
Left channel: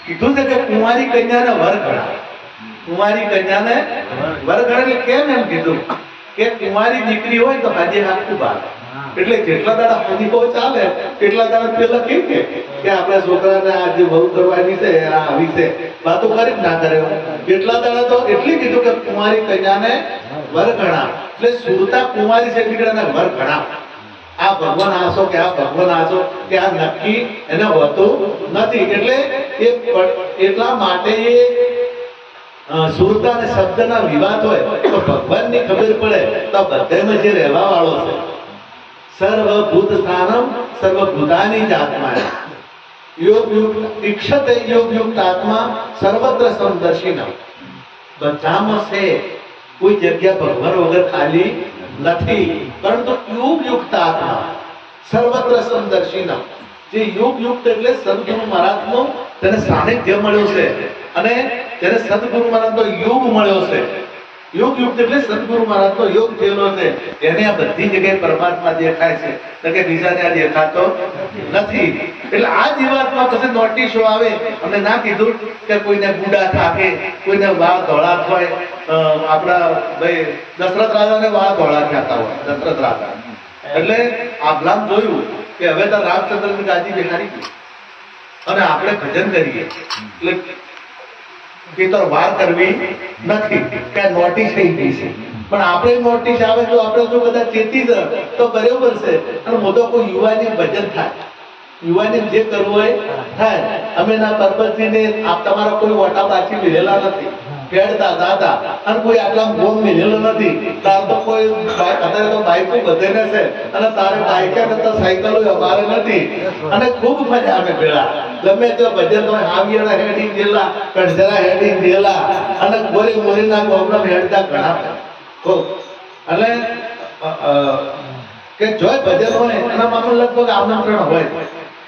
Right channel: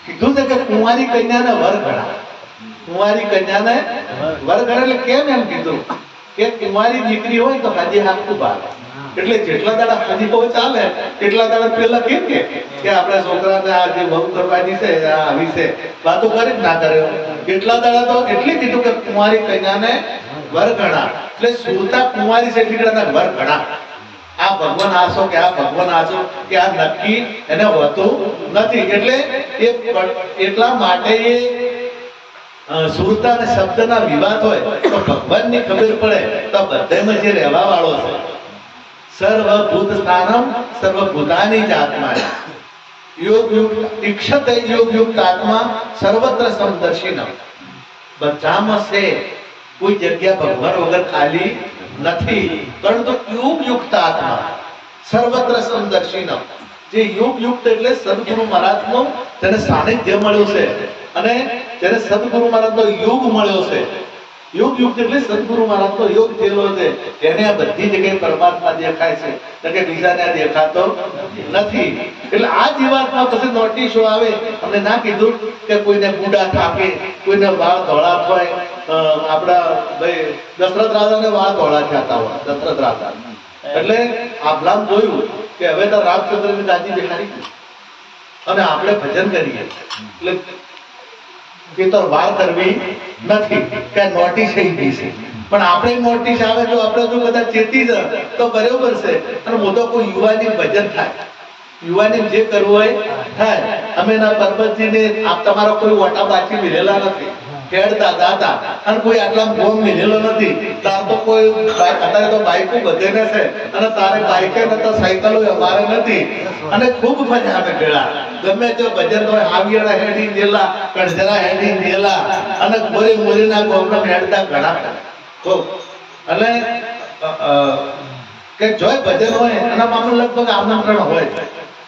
કીધું છે કે કુંવારી કન્યાને વર ગણા. કુંવારી કન્યાને વર ગણા એટલે કેમ એમ કીધું કે કુંવારી દીકરી હોય તો હાજી હાથું બાર, એટલે જેટલા દાડા હાજી બહુ ચાલે એટલા દાડા પેલા કેમ કે આપણા છોકરાને આ જે બહુ કરવાની છે આ આવી છે વાતો કરી જ ના કરે, એટલા દાડા તો એટલી કીધું કે કુંવારી કન્યાને વર ગણા. એટલે સુરતા કુંવારી છે એટલે વર ગણા. આ ભગવાન આસો કે આ ભગવાન આસો કે આ નક્કી એને હોતું નથી. એટલે એટલા માટે એ સુરતા અને શબ્દના વિવાદ હોય તો ભગવાનની ખબર પડે તો બધામાં જે રહેવા વાળો છે સર્વભૂત સ્થાનમ સર્વભૂતાની જ આત્મા યોગ યુક્ત ઈક્ષતે યોગ યુક્ત આત્મા સર્વત્ર સમદર્શિનમ. બધામાં છે, કોઈ જગ્યા ભગવાન વગર ખાલી નથી. પરંતુ યોગ યુક્ત આત્મા સર્વત્ર સમદર્શિનમ. જે યોગ યુક્ત એટલે સદગુરુ મહારાજનો તેને સાનિધ્ય મળ્યું છે અને તેને સદગુરુ મહારાજનો યોગ મળ્યો છે. યોગ યુક્ત એટલે સદગુરુ મહારાજનો યોગ થયેલો છે, એને આ બધી જગ્યાએ પરમાત્મા દેખાય છે, કે બીજાને આ દેખાતો નથી. એટલે આ જીવાતમાં પછી નોટિસો આવે. અમને ના કીધું કે કોઈને ગુડા થાકે, કોઈને વાળ ધોળા થાય. આપણા ભાઈ દશરથ રાજાને વાળ ધોળા થતા હોય, દશરથ રાજા. એટલે આભલામ જોયું કે હવે તો રામચંદ્રની ગાદી બેહાડી ગઈ અને આપણે ભજન કરીએ એટલે એ તો વાર કરવી નથી કે નોટિસ થઈ ગઈ છે. પણ આપણે નોટિસ આવે તો આપણે જો કદાચ ચેતી જાય તો બરોબર છે. અને મોટો કોઈ યુવાની ભજન થાય, યુવાની જે કરવું હોય થાય. અમે ના પરબતજીને આપ તમારો કોઈ વટા બાચી મિલેલા નથી, ખેડતા દાદા અને કોઈ આટલા ગોમ મિલેલો નથી. તાર તો કોઈ અત્યારે તો બાઈકો બધે ને છે અને તારે બાઈકે નતા સાયકલો અમારે નથી. અને ખૂબ મજા આવે ભેળા ગમે તે ભજન તો હાવિયાના હેડી ગયેલા, કણજરા હેડી ગયેલા અને ગોરી મોરીના ગોમના હેડતા ઘણા ખૂબ. અને કે જોય ભજન હોય એના મામલે લગભગ આમંત્રણ હોય.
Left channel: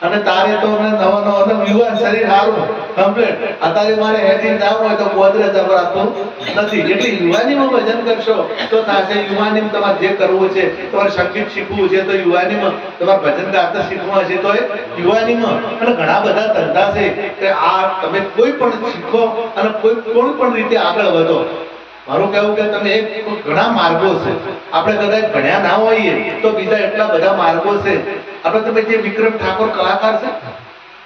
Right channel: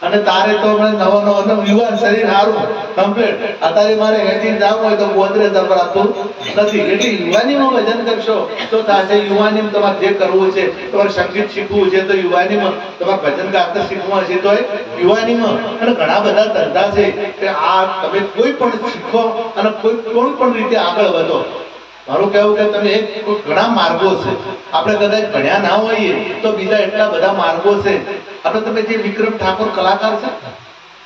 અને તારે તો નવો યુવાન શરીર સારું કમ્પ્લીટ. અત્યારે મારે હેઠી જવું હોય તો ગોદરે દબરાતું નથી. એટલે યુવાનીમાં ભજન કરશો તો થશે. યુવાનીમાં તમારે જે કરવું છે, તમારે સંગીત શીખવું છે તો યુવાનીમાં, તમારે ભજન ગાતા શીખવું હશે તો યુવાનીમાં. અને ઘણા બધા ધંધા છે કે આ તમે કોઈ પણ શીખો અને કોઈ પણ રીતે આગળ વધો. મારું કહેવું કે તમે ઘણા માર્ગો છે. આપણે કદાચ ભણ્યા ના હોઈએ તો બીજા એટલા બધા માર્ગો છે. આપણે તમે જે વિક્રમ ઠાકોર કલાકાર છે,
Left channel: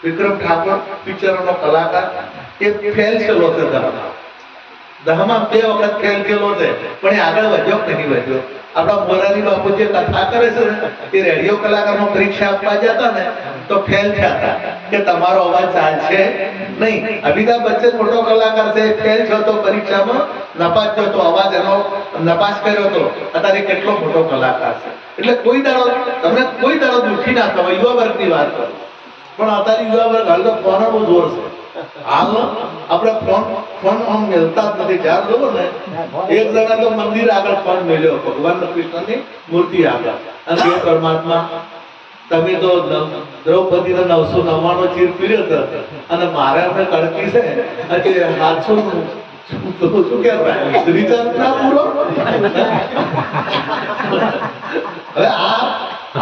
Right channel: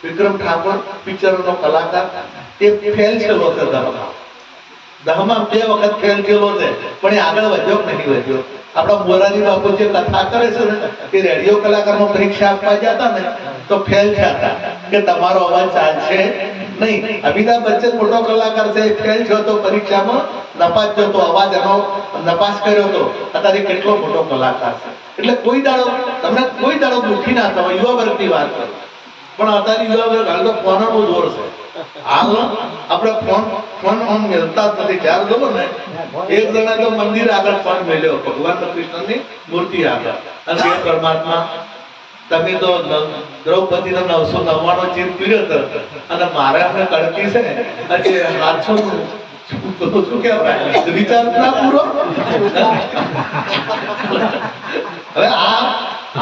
વિક્રમ ઠાકોર પિક્ચરનો કલાકાર, એ ફેલ થયેલો છે દહમાં 2 વખત ફેલ થયેલો છે, પણ એ આગળ વધ્યો કે નહીં વધ્યો. આપણા મોરારી બાપુ જે કથા કરે છે ને એ રેડિયો કલાકારમાં પરીક્ષા આપવા જતા ને તો ફેલ થયા કે તમારો અવાજ ચાલશે નહીં. અમિતાભ બચ્ચન મોટો કલાકાર છે, ફેલ થયો તો પરીક્ષામાં, નપાસ થયો તો અવાજ એનો નપાસ કર્યો તો. અત્યારે કેટલો મોટો કલાકાર છે. એટલે કોઈ દાડો તમને કોઈ દાડો દુઃખી ના થવા. યુવા વર્ગની વાત કરું, પણ અત્યારે યુવા વર્ગ હાલ તો ફોનનો જોર છે. હાલ આપણે ફોન મેળતા જ નથી. જ્યારે જોવો ને એક જણા તો મંદિર આગળ ફોન મેળ્યો, ભગવાન કૃષ્ણની મૂર્તિ આગળ, અને એ પરમાત્મા તમે તો દ્રૌપદીનો 999 ચીર પીડ્યો હતો અને મારે અમને કડકી છે એટલે 700 શું કહેવાય રિચાર્જ ના પૂરો. હવે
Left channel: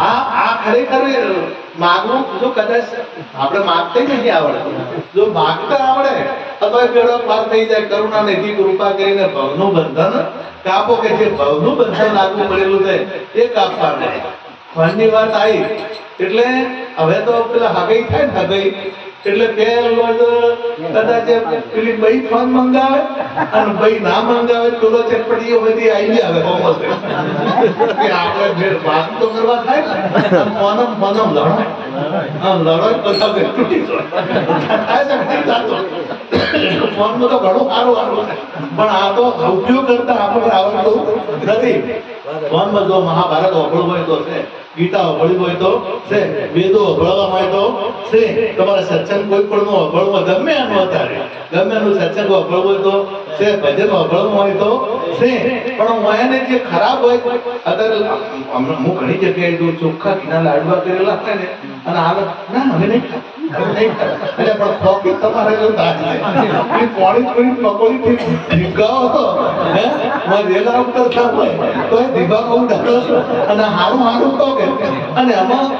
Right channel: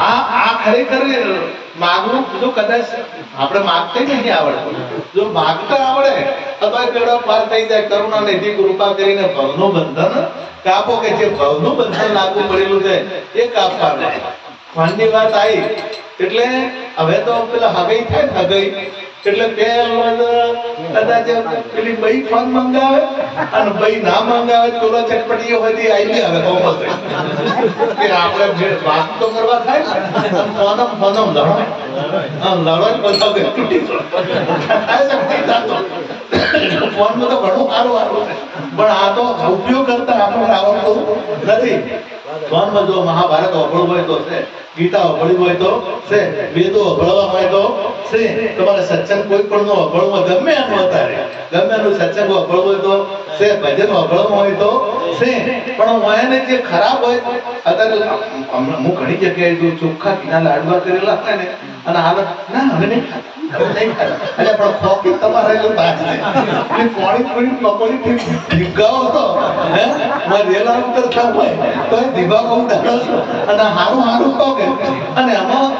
આ ખરેખર માગવું જો કદાચ આપણે માગતા નથી આવડતું. જો માગતા આવડે તો પેડો પાર થઈ જાય. કરુણા નિધિ કૃપા કરીને ભવનું બંધન કાપો, કે જે ભવનું બંધન લાગુ પડેલું છે એ કાપવાનું. ફંડની વાત આવી એટલે હવે તો પેલા હગઈ થાય ને, હગઈ એટલે કદાચ પેલી બઈ ફોન મંગાવે અને બઈ ના મંગાવે તો ચટપટીઓ બધી આવી હવે કોમસે કે આપણે વાત તો કરવા થાય ને. ફોનમ લડાય બધા તૂટી ફોન તો ઘણું સારું છે, પણ આ તો ઉપયોગ કરતા આપણને આવડતું નથી. ફોનમાં જો મહાભારત અભળવું હોય તો છે, ગીતા અભળવી હોય તો છે, વેદો અભળવા હોય તો છે, તમારે સત્સંગ કોઈ પણ નો અભળવું ગમે એનું અત્યારે ગમે એનું સત્સંગ અભળવું હોય તો છે, ભજન અભળવું હોય તો છે, પણ હું એને જે ખરાબ હોય અત્યારે હું ઘણી જગ્યાએ જો ચોખ્ખા ઘીના લાડવા કરેલા હોય ને અને હાલત ના હવે નહીં ખાતા પણ ખોટી તમારે એવું તાજ છે કોણી કોણી પકોડી ભીગાવો હે રેલા ઉતર થવું હોય તો ભીગાવો ઉતારો અને હારું હારું કહો કે અને એમાં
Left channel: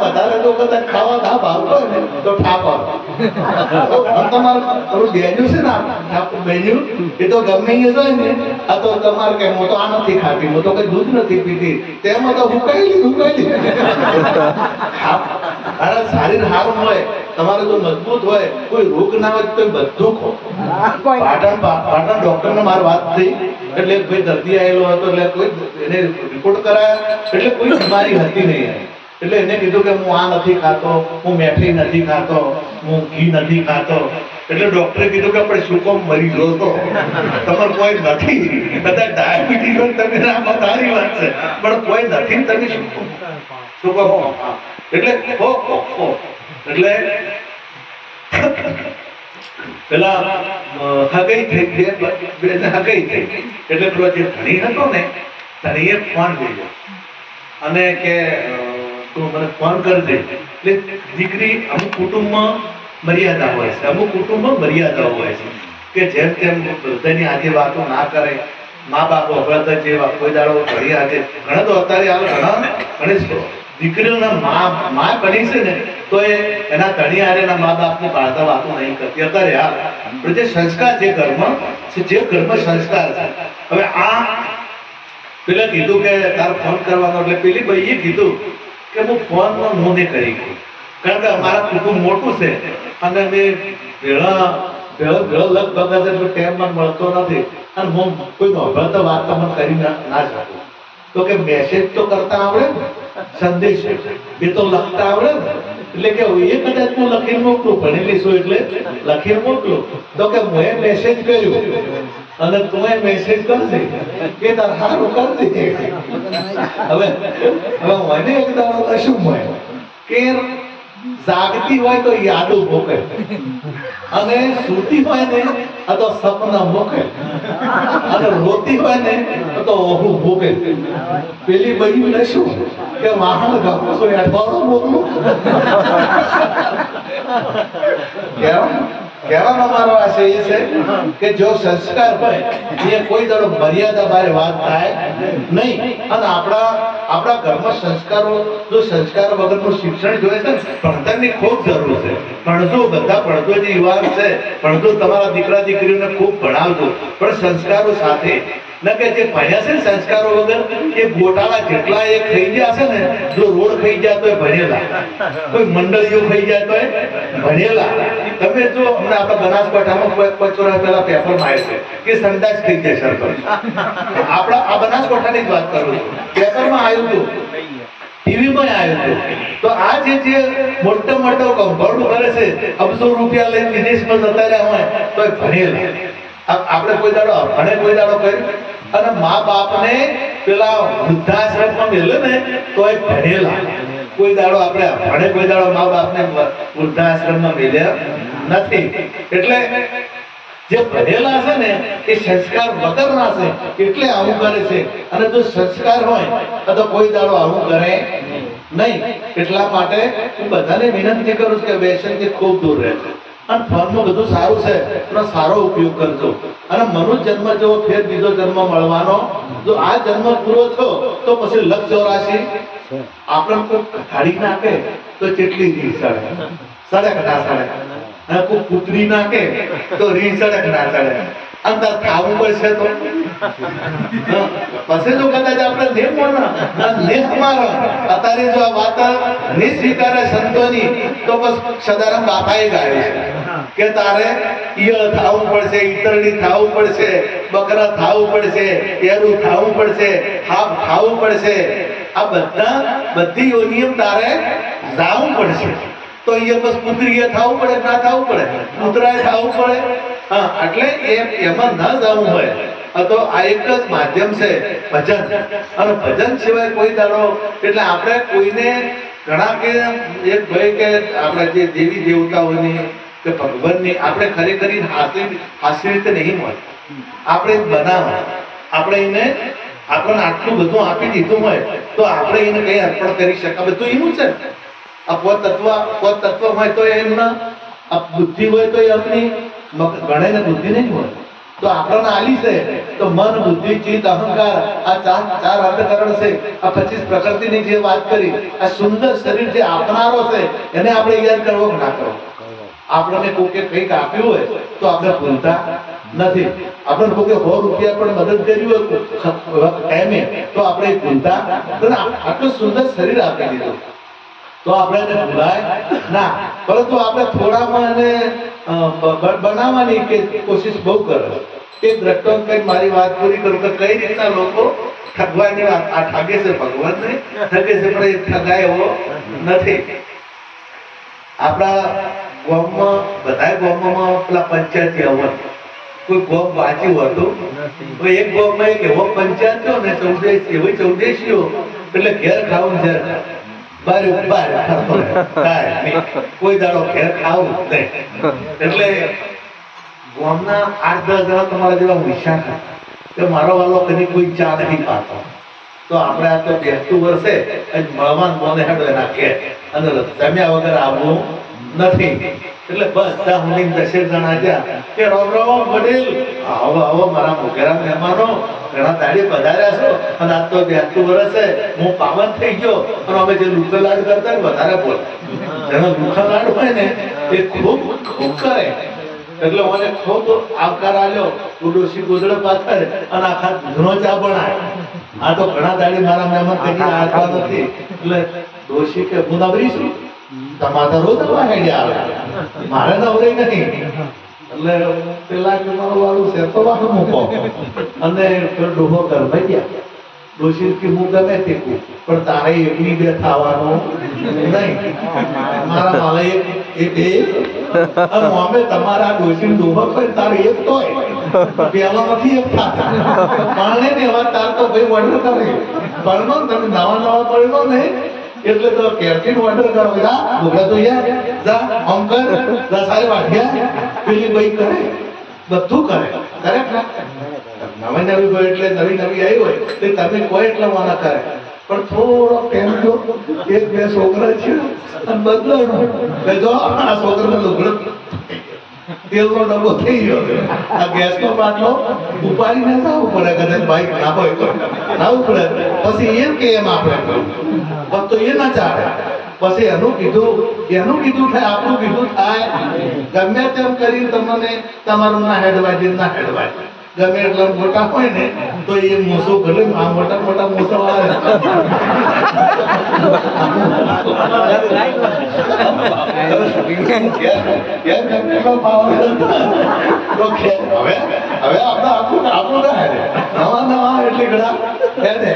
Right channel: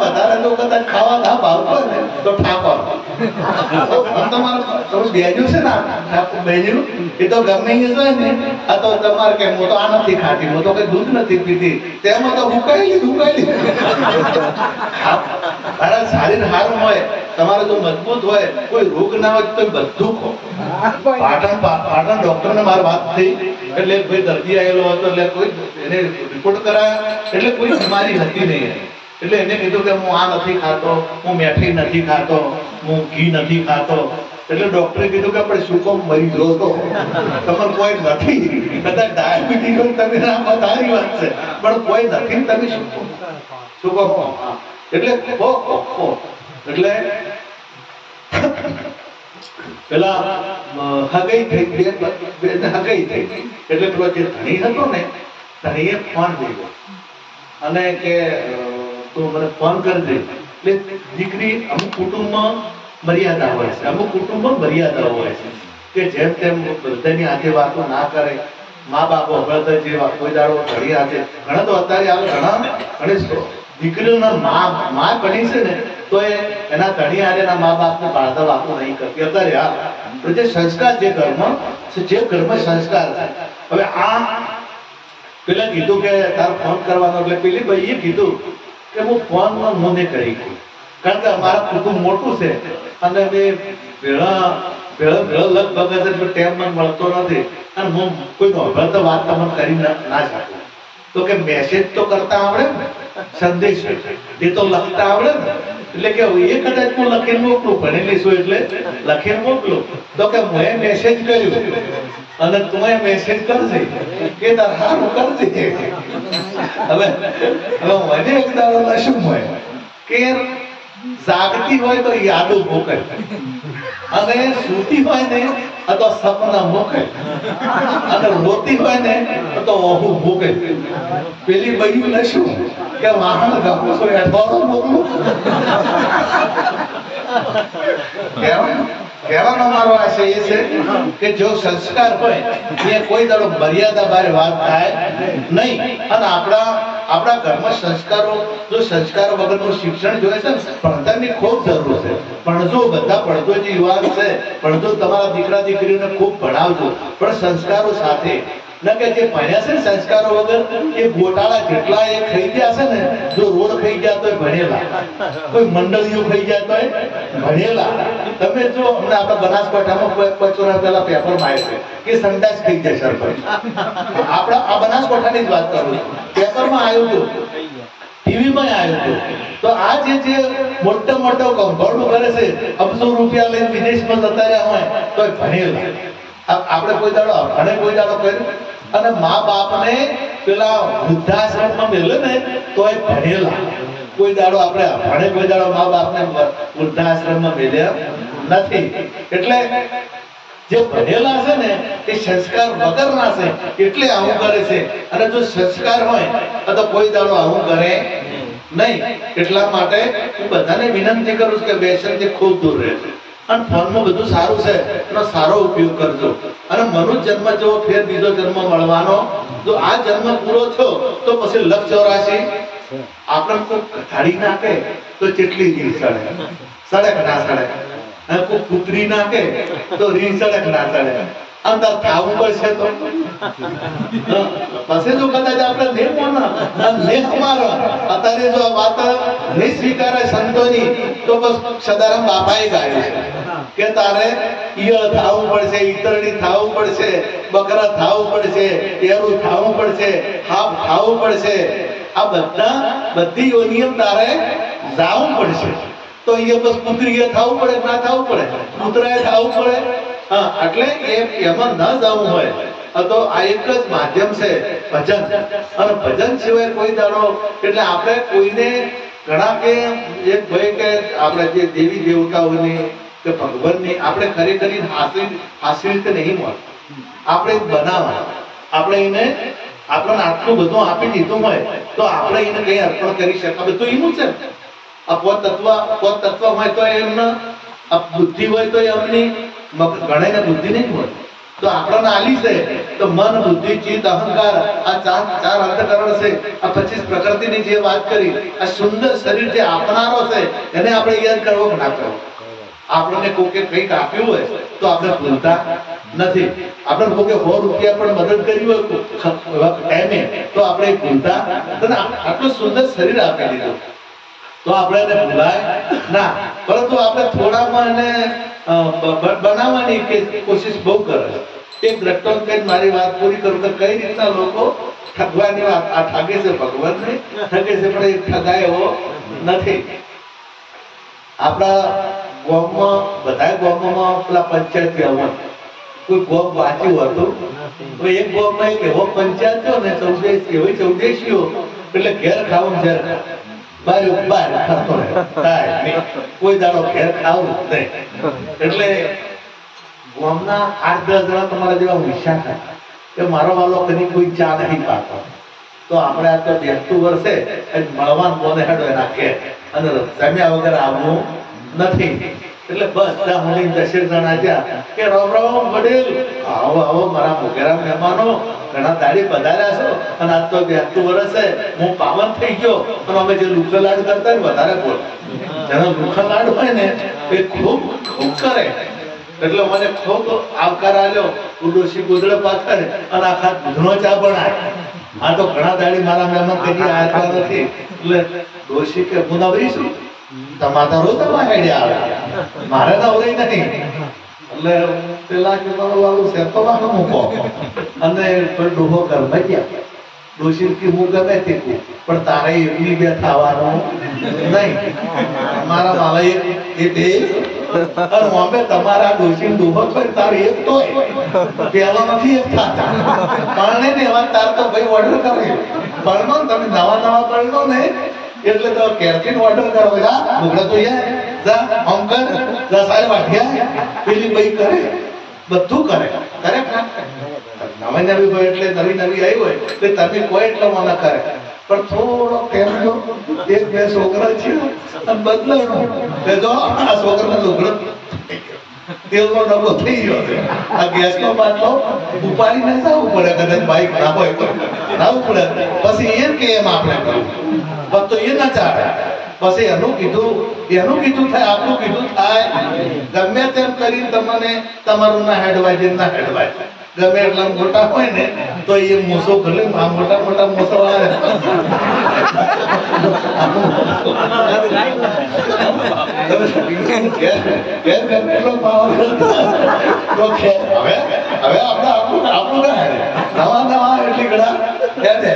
વધારે જો કદાચ ખાવા ના ભાવતો હોય ને તો ઠાપ તમારે થોડું બેજ્યું છે ને બેજ્યું એ તો ગમે એ હોય ને આ તો તમારે કે હું તો આ નથી ખાતી, હું તો કઈ દૂધ નથી પીતી, તેમાં તો હુકાઈ શરીર હારું હોય તમારે જો મજબૂત હોય કોઈ રોગ ના હોય તો બધું ખો. પાટણ ડોક્ટર ને મારી વાત થઈ એટલે કોઈ દર્દી આવેલો હતો એટલે કોઈ એને રિપોર્ટ કરાયા એટલે કોઈ બીમારી હતી નહીં એટલે એને કીધું કે હું આ નથી ખાતો, હું મેઠી નથી ખાતો, હું ઘી નથી ખાતો. એટલે ડોક્ટરે કીધું કે આપણે શું કોમ મરી ગયો તો તમારે કોઈ નથી, કદાચ ડાયાબિટીસ હોય તમે ના તારી વાત છે પણ કોઈ નથી તમે શું કોમ એટલે એટલે પેલા હગાઈ થઈ હગાઈ થઈ એટલે પેલો જે ધણી હતો ને ધણીએ ફોન કર્યો અને કે તું મને ફોન કરી દે. એટલે દીકરી અમુક કુટુંબમાં મર્યાદા હોય છે, અમુક કુટુંબમાં મર્યાદા હોય છે કે જેમ તેમ બધાની આજે વાતો ના કરે. મા બાપો અભળતા જે કોઈ દાડો ઘડી આજે ઘણા તો અત્યારે ઘણી દીકરીઓના મા બની છે ને તો એના ધણી આરે મા બાપને બાળતા વાતો નહીં કરતી અત્યારે. પણ જે સંસ્કાર જે ઘરમાં સંસ્કાર છે. હવે આ પેલા કીધું કે તાર ફોન કરવાનો એટલે પેલી ભાઈએ કીધું કે હું ફોનમાં હું નહીં કરી ગયું કારણ કે અમારા કુટુંબ મોટું છે અને મેં લગભગ ટાઈમ મને મળતો નથી અને હું કોઈ અભળતો વાત તમને કરી ના શકું. તો કે મેસેજ તો કરતા આવડે ને, સંદેશ એ તો લખતા આવડે ને, એટલે કે એ કદાચ હું લખીને મોકલું, ભણેલી છું એટલે લખીને મોકલું. તો કે હું મેસેજ કર્યું અને તું મેસેજ કરજે કે તાર હારું કરજે. હવે મને એક દાડો શું હોય કે જાગતી હોય તો યાદો મોકલે અને સૂતી હોય ને તો સપના મોકલે અને રોતી હોય ને તો ઓહુ ભોગે. પેલી બહેન ને શું કે વાહન ગમો છો એઠવાડો મોકલું. કહેવાનો મારો આશય એ છે કે જો સંસ્કાર હોય એ કોઈ દાડો મર્યાદા બારે વાત થાય નહીં. અને આપણા ઘરમાં સંસ્કારો જો સંસ્કારો વગરનું શિક્ષણ જોઈએ છે ભણતરની ખૂબ જરૂર છે. ભણજો બધા ભણતો જે યુવાન છે ભણજો તમારા દીકરા દીકરીઓને ખૂબ ભણાવજો પણ સંસ્કારો સાથે ન કે જે ભણ્યા છે સંસ્કારો વગર એ ગોટાળા જેટલા એ ખાઈ ગયા છે ને જો રોડ ખાઈ ગયા તો ભણેલા, કોઈ મંડળીઓ ખાઈ જાય તો ભણેલા. તમે જો અમને આપણા બનાસકાંઠામાં પચોરા પેલા પેપરમાં આવે છે કે સંદાસ થઈ જાય સરપંચ. આપણા આ બનાસકાંઠાની જ વાત કરું છું, પેપરમાં આવ્યું હતું, ટીવીમાં આવ્યું હતું. તો આ જે મોટા મોટા કંપાઉન્ડ કરે છે અબજો રૂપિયા લઈને વિદેશમાં જતા રહ્યા હોય તો ભણેલા. આપણે કોઈ દાડો ભણે કોઈ દાડો કર્યું અને મા બાપને પેલા વૃદ્ધાશ્રમમાં મેલે ને તો એ ભણેલા. કોઈ દાડો આપણે ભણે કોઈ દાડો મા બાપને વૃદ્ધાશ્રમમાં મેલ્યા નથી. એટલે જે ભણેલા છે ને એ સંસ્કાર વગરના છે એટલે આવું કરે છે. અને જો સંસ્કાર હોય તો કોઈ દાડો આવું કરે નહીં. એટલા માટે હું બધાને વિનંતી કરું છું કે વ્યસનથી ખૂબ દૂર રહેજો અને ફોનમાં બધું સારું છે એનો સારો ઉપયોગ કરજો. અને મનુષ્ય જન્મ જેવો ફેર બીજો જન્મ મળવાનો જો આ જન્મ પૂરો થયો તો પછી લખ 84 આપણે કોઈ ઘટાડી નાખે તો કેટલી રીત સડક ના સડક અને કોઈ પુત્રી નાખે તો રીત સડક ના સડક અંદર ખાવું પડશે તો પછી જો કદાચ આપણે અત્યારે જો આ વાત નહીં સ્વીકારે સંતોની તો બસ સદારામ બાપાએ ગાયું છે કે તારે ઈયળ થાવું પડશે, ઈતરડી થાવું પડશે, બકરા થાવું પડશે, એરું થાવું પડશે, હાપ થાવું પડશે. આ બધી નિયમ તારે જાવું પડશે. તો એ બસ પુત્રીએ થાવું પડે ના થાવું પડે, પુત્રાએ થાવું પડે. એટલે એમાં ન જવું હોય તો આ એક જ માધ્યમ છે ભજન, અને ભજન સિવાય કોઈ દાડો એટલે આપણે કોઈને ઘણા કે એક ભાઈ કે આપણે જે દેવી દેવતાઓની કે ભગવાનની આપણે ખરેખર હાસ્ય રીતે નહીં મળે, આપણે બનાવવા આપણે એને આપણને આટલું બધું આપી દીધું હોય તો આપણે એને કઈ અર્પણ કરી શકાય. બધું એનું છે. આ તત્વ હોય તો એમના બુદ્ધિ હોય તો એમની ગણાઈને બુદ્ધિ નહીં હોય તો આપણને આલી છે. તો મન, બુદ્ધિ, ચિત્ત, અહંકાર આ ચાર અંતકરણ છે. આ 25 પ્રકૃતિની જે વાત કરી, આ સુંદર શરીર જે આપનારો છે એને આપણે યાદ કરવો કે ના કરવો. આપણને કોકે કંઈક આપ્યું હોય તો આપણે ભૂલતા નથી. આપણે કોકે 100 રૂપિયા પણ મદદ કરી હોય ટાઈમે તો આપણે ભૂલતા. આટલું સુંદર શરીર આપી દીધું તો આપણે એને ભૂલાય ના, પરંતુ આપણે થોડામાં એને બનાવવાની કે કોશિશ બહુ કરે. એક દ્રષ્ટાંત કઈ મારી વાત પૂરી કરું કે કઈ રીતના લોકો ઠગવાની વાત, આ ઠગે છે ભગવાન નહીં ઠગે છે પણ એ ઠગાય એવો નથી. આપણા ગામમાં બધા ગામમાં પેલા પંચાયતી અવન કોઈ ગામ વાંચ્યું હતું તો એક ગામમાં એક એવો પંચાયત થયો ને 14 એટલે ઘેર ખાવું ઘેર બાર ફરતો કોઈ દાડો ઘેર ખાવું નહીં. એટલે ગામના 8-10 જણા તમારા જેવા હોશિયાર હતા કે મારો વાલો કદી કોઈ ચા નહીં પાડતો તો આપણે આ તો બેસતું વર્ષે મળવાન કોને હેડો એના કે અને જમ્યા વગર આવવું નથી. એટલે બસ ત્યાં હું 10 જણા ગયા કે રામ વડીલ આવો મારા મોઘેરા મહેમાનો, ઘણા દાડી પધાર્યા છો અને આજ તો 82 વર્ષ છે, હું પાવન થઈ ગયો. અને અમે જે લુખા લાડ કરતા ને વધારે બોલે, જેનો લુખા લાડ હોય ને એ ખૂબ ખૂબ કરે. એટલે મને ખૂબ આવકાર આવ્યો. ઉડોશી ગોદડે પાથરે અને આખા દૂધનો ચા બનાય. આ તો ઘણા દાડી મારા મહેમાન કદી આખા નથી. એટલે ડોશી કે હું નવરીશું, તમારા રોજ આઈડિયા આવે, મારે નવરી નહીં. એટલે પેલા કે મારો વાલું છે તો વાલો મૂકો અને ડોહો કરવા ગયા. ડોશી કે હું ગમે તે પણ તારે એકની બે થવાનું નહીં. મારા માલા એ બે અને અમે તમારા ડોશી ડોહો પણ તારે એક તો પેલા નથી એક થતા પાણે ને એવા તાર તો ભાઈ ઓર્ડર કરે પરનો તમે નવા પરનો ને એટલે તો કેરથી ઓર્ડર કરો. જા ઢોકળા તો યાર જા અંકર જા સારી વાઠિયા પેલી ભાઈ કરે બધું કરે નવી હોય એટલે નવી આવી હોય તો તમે કોઈ એટલે વાના કરે. પણ થોડો કેમ જો 1-2 છોકરા છે અને બદલાનો કે જો આ છોકરાનો લુગડો તેલનો ડબ્બો થઈ ગયો છે, આ ગેસનો બાટલો ઉપાડીને જવું પડે. કદાચ બાઈક ના હોય તો આવું પડે. પછી એમ કે એમ આપણે બસ તો એ ના ચાલે. પછી એનું કીધું થાય, આપણું કીધું થાય. ગમે તેમ કરી તમને તમારું ના હેડવાય ના હેડવાય ગમે એટલા મોટા હોય ને તો એ મૂસો ભલે આ મોટા મૂસો આવે આપણું ના હેડે. નવા એટલી ઘડા હેડે.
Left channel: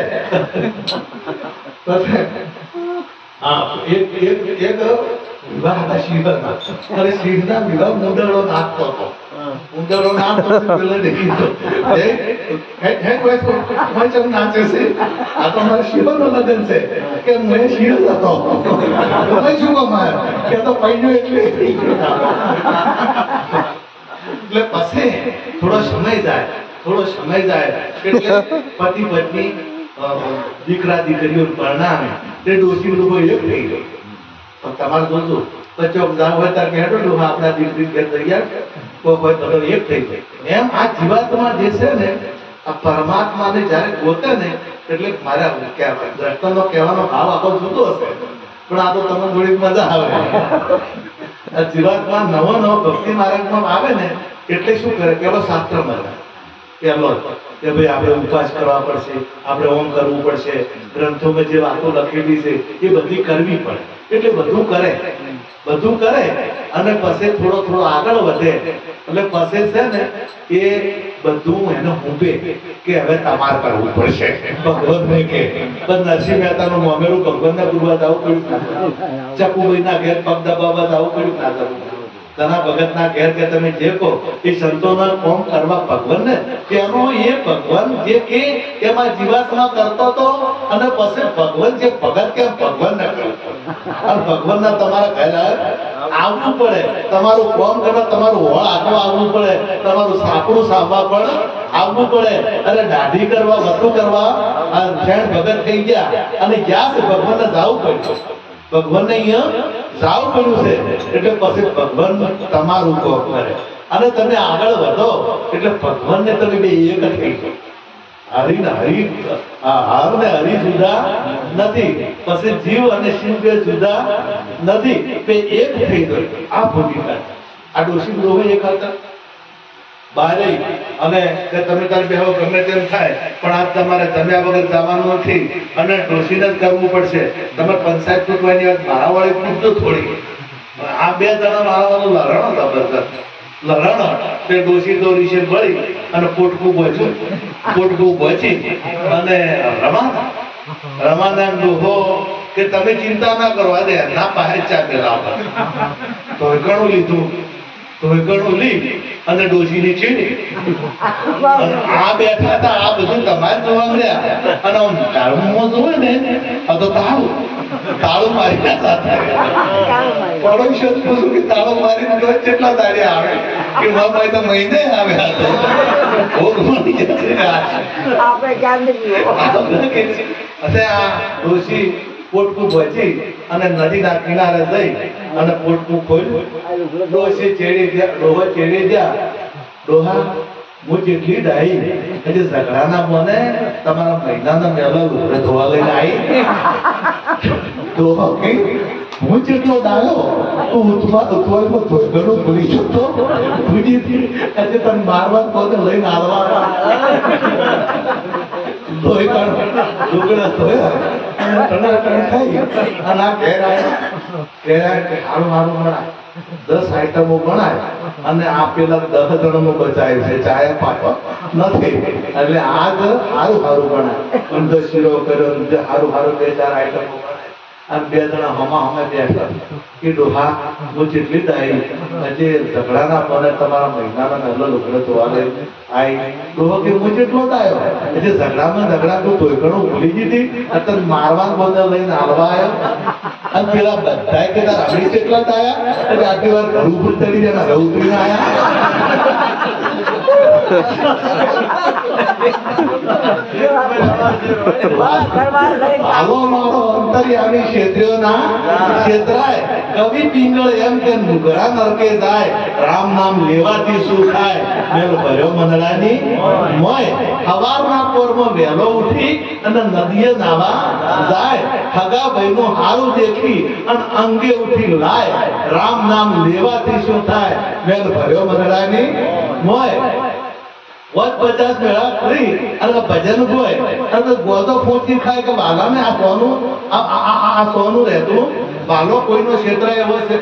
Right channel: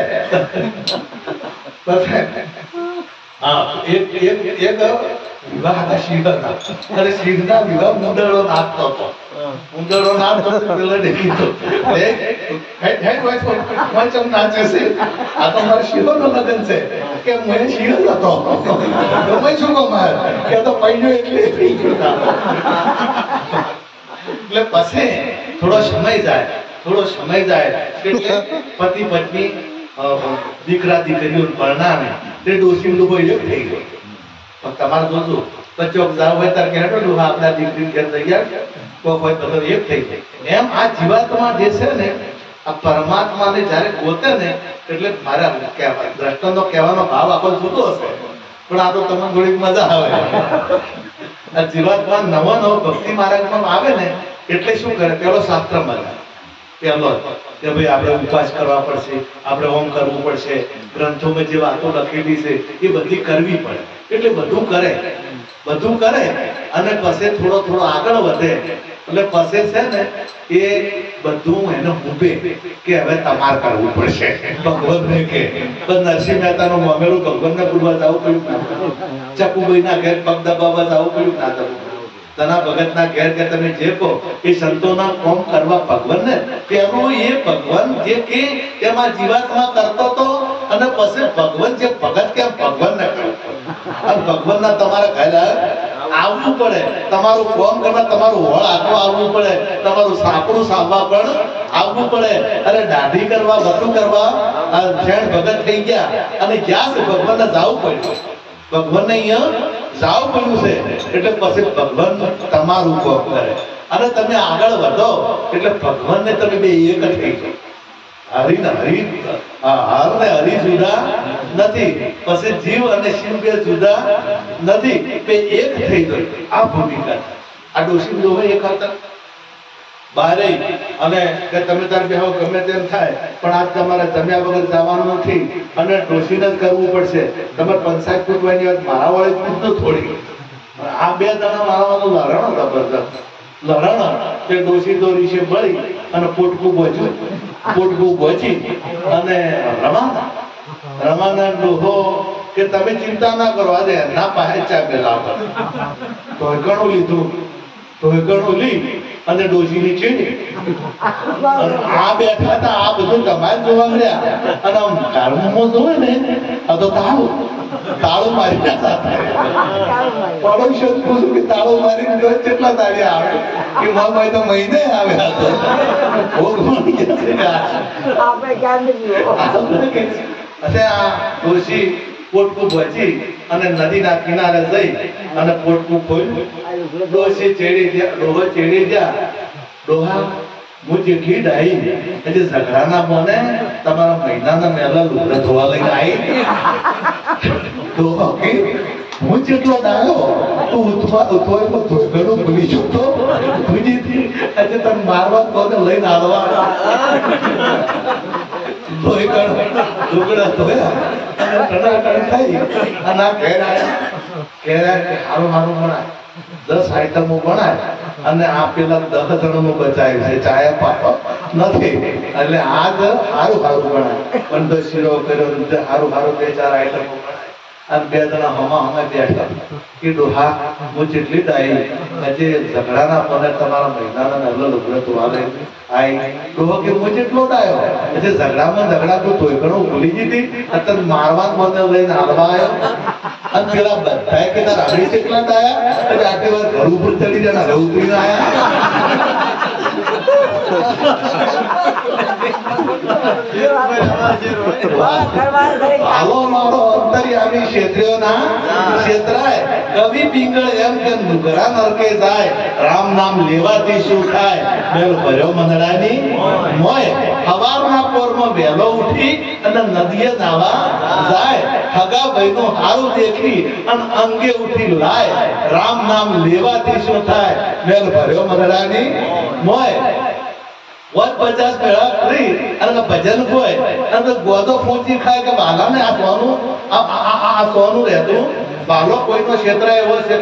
એક વિવાહ હતા શિવના, અને શિવના વિવાહ મુંદડો નાચતો હતો. મુંદડો નાચતો પેલો કીધું નાચે છે, આ તો મારા શિવ નું લગ્ન છે કે મેં શિવ હતો શું કમાય કે તો પૈયો એટલે થઈ ગયો. એટલે પછી થોડો સમય જાય એટલે પતિ પત્ની દીકરા દીકરીઓ પરણાવે તે ડોશી લોકો એક થઈ ગયો. તમારે જોજો બચ્ચો જાવ હોય ત્યારે કે હેડો આપણા દીકરી ઘેર તૈયાર કોઈ હોય બધો એક થઈ જાય. એમ આ જીવાત્મા જે છે ને આ પરમાત્માને જયારે ગોતે ને એટલે મારા દ્રષ્ટાંતનો કહેવાનો ભાવ આખો જુદો હશે પણ આ તો તમને થોડીક મજા આવે. આ જીવાત્મા નવો ભક્તિ માર્ગમાં આવે ને એટલે શું કરે, પેલો શાસ્ત્ર મળે પેલો કે ભાઈ આપણે ઉપવાસ કરવા પડશે, આપણે ઓમ કરવું પડશે, ગ્રંથોમાં જે વાતો લખેલી છે એ બધી કરવી પડે. એટલે બધું કરે અને પછી થોડો આગળ વધે એટલે પછી છે ને એ બધું એને ઊભે કે હવે તમારે કરવું પડશે. ભગવાનને કે નરસિંહ મહેતાનું મામેલું ભગવાનને પૂરવા જવું પડ્યું, ચકુભાઈ ના ઘેર પગ દબાવવા જવું પડ્યું ના જવું. તના ભગતના ઘેર કે તમે જે કહો એ સંતોના કોમ કરવા ભગવાનને પેલો એ ભગવાન જે કે એમાં જીવાત્મા કરતો તો અને પછી ભગવાન જે ભગત કે ભગવાનને કરતો અને ભગવાનના તમારા ઘરે આવવું પડે, તમારું કોમ કરવા તમારું હોળ આખો આવવું પડે, તમારું સાપડું સાંભા પણ આવવું પડે. અરે દાઢી કરવા વટું કરવા ફેણ ભગત થઈ ગયા અને જ્યાં ભગવાનને જાવું પડ્યું, ભગવાનને અહીંયા જાવું પડ્યું છે એટલે પછી ભગવાન તમારું કોમ કરે અને તમે આગળ વધો એટલે ભગવાનને તમે બે એક થઈ જાઓ. હરી ને હરી હાર ને હરી જુદા નથી, પછી જીવ અને શિવ બે જુદા નથી, બે એક થઈ ગઈ. આ ભૂમિકા આ ડોશી ડોહે એક હતા બારે અને કે તમે તારે બેહો ગમે તેમ થાય પણ આજ તમારે જમ્યા વગર જવાનું નથી અને ડોશીને જ કરવું પડશે. તમારે પંચાયત પૂછવાની વાત મારા વાળી પૂછતો થોડી. આ બે જણા મારા વાળું લડાણો જબરદસ્ત લડાણો તે ડોશી દોરી છે બળી અને પોટકું બચી અને રમાના ડોહો કે તમે ચિંતા ના કરો આજે ના પાસે ચા પેલા તો ઘણું લીધું તો ઘણું લી અને ડોશીની છીણી આ બેઠા હતા. આ બધું તમારે જોવા મળ્યા અને આમ કાળમાં જોવે ને આ તો તાળું મારી પડોશી પૂછું કે તાળું મારી કેટલા દાડિયા આવે કે મામા તો મહિને આવ્યા ડોશી પોટકું ભજી અને નદીના કિનારે જઈ અને પોટકું ખોલ્યું. ડોશી ડોહો ચેડી ગયા. ડોહા હું જેટલી ડાઈ એટલે ઝઘડાના મને તમારા મહિનાના મેલા લુગડા ધોવા લઈને આવી. ડોહો કે હું જેટલો ડાયો તું ઉઠવાનું ભૂલી જતો આજે તને મારવા કોને લઈને આવવા લુગડા ધોયા અને ટણાટણ ખાઈ અને આ ઘેર આવ્યા. ઘેર સારું ભણાય 10 આઈટમો બનાય અને આ પેલા 10 જણનું બચાવ્યું છે ચાયા પાપા નથી એટલે આ સારું બનાય પણ શીરો કર્યો સારું 2-4 આઈટમો બનાય અને 2 જણા હમા બેઠા કે ડોહા હું જેટલી ડાઈ હજી ઝઘડાના મને તમારા મહિનાના નલ્લો લુગડો ધોવા લઈ આવી. ડોહો કે હું જેટલો ડાયો હજી ઝઘડા તું ધોઈકણો ભૂલી દીધી તને મારવા મને લઈને આવવા આવ્યો અને પેલા બધા કે તાર હળી જેટલા ડાયા એટલે આટલી વાર ઘર ઉપર ચડી જાય ઘર ઉતરીને આવ્યા. હાલો મારો અંતર્યામી ક્ષેત્રીઓના ક્ષેત્રાય કવિ પિંગળ એમ કે નુગરા નરકે જાય રામ નામ લેવાથી શું થાય મેલ ભર્યો મંદડાની મોય. હવારના પોરમાં વહેલો ઉઠી અને નદીએ નાવા જાય હગા ભાઈનું હારું દેખી અને અંગે ઉઠી લાય રામ નામ લેવાથી શું થાય મેલ ભર્યો મંદડાની મોય. 50 મેળા કરી અને ભજન કોઈ અને ગોદો ફોંચી ખાય કે બાલાને આ સોનું રહેતું બાલો કોઈનો ક્ષેત્ર એવો છે.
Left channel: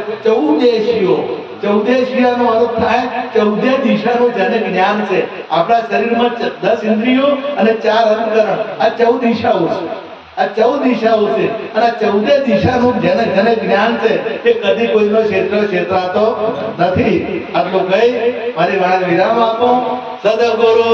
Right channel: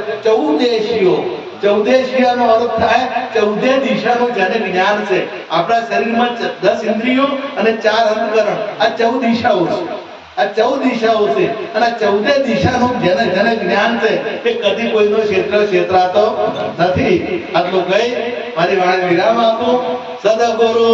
14 નો અર્થ થાય 14 દિશાનું જેને જ્ઞાન છે. આપણા શરીરમાં 10 ઇન્દ્રિયો અને 4 અંતકરણ આ 14 દિશાઓ છે. આ 14 દિશાઓ છે અને 14 દિશાનું જેને જ્ઞાન છે એ કદી કોઈનો ક્ષેત્રાતો નથી. આટલું કઈ મારી વાણી વિરામ આપો. સદગુરુ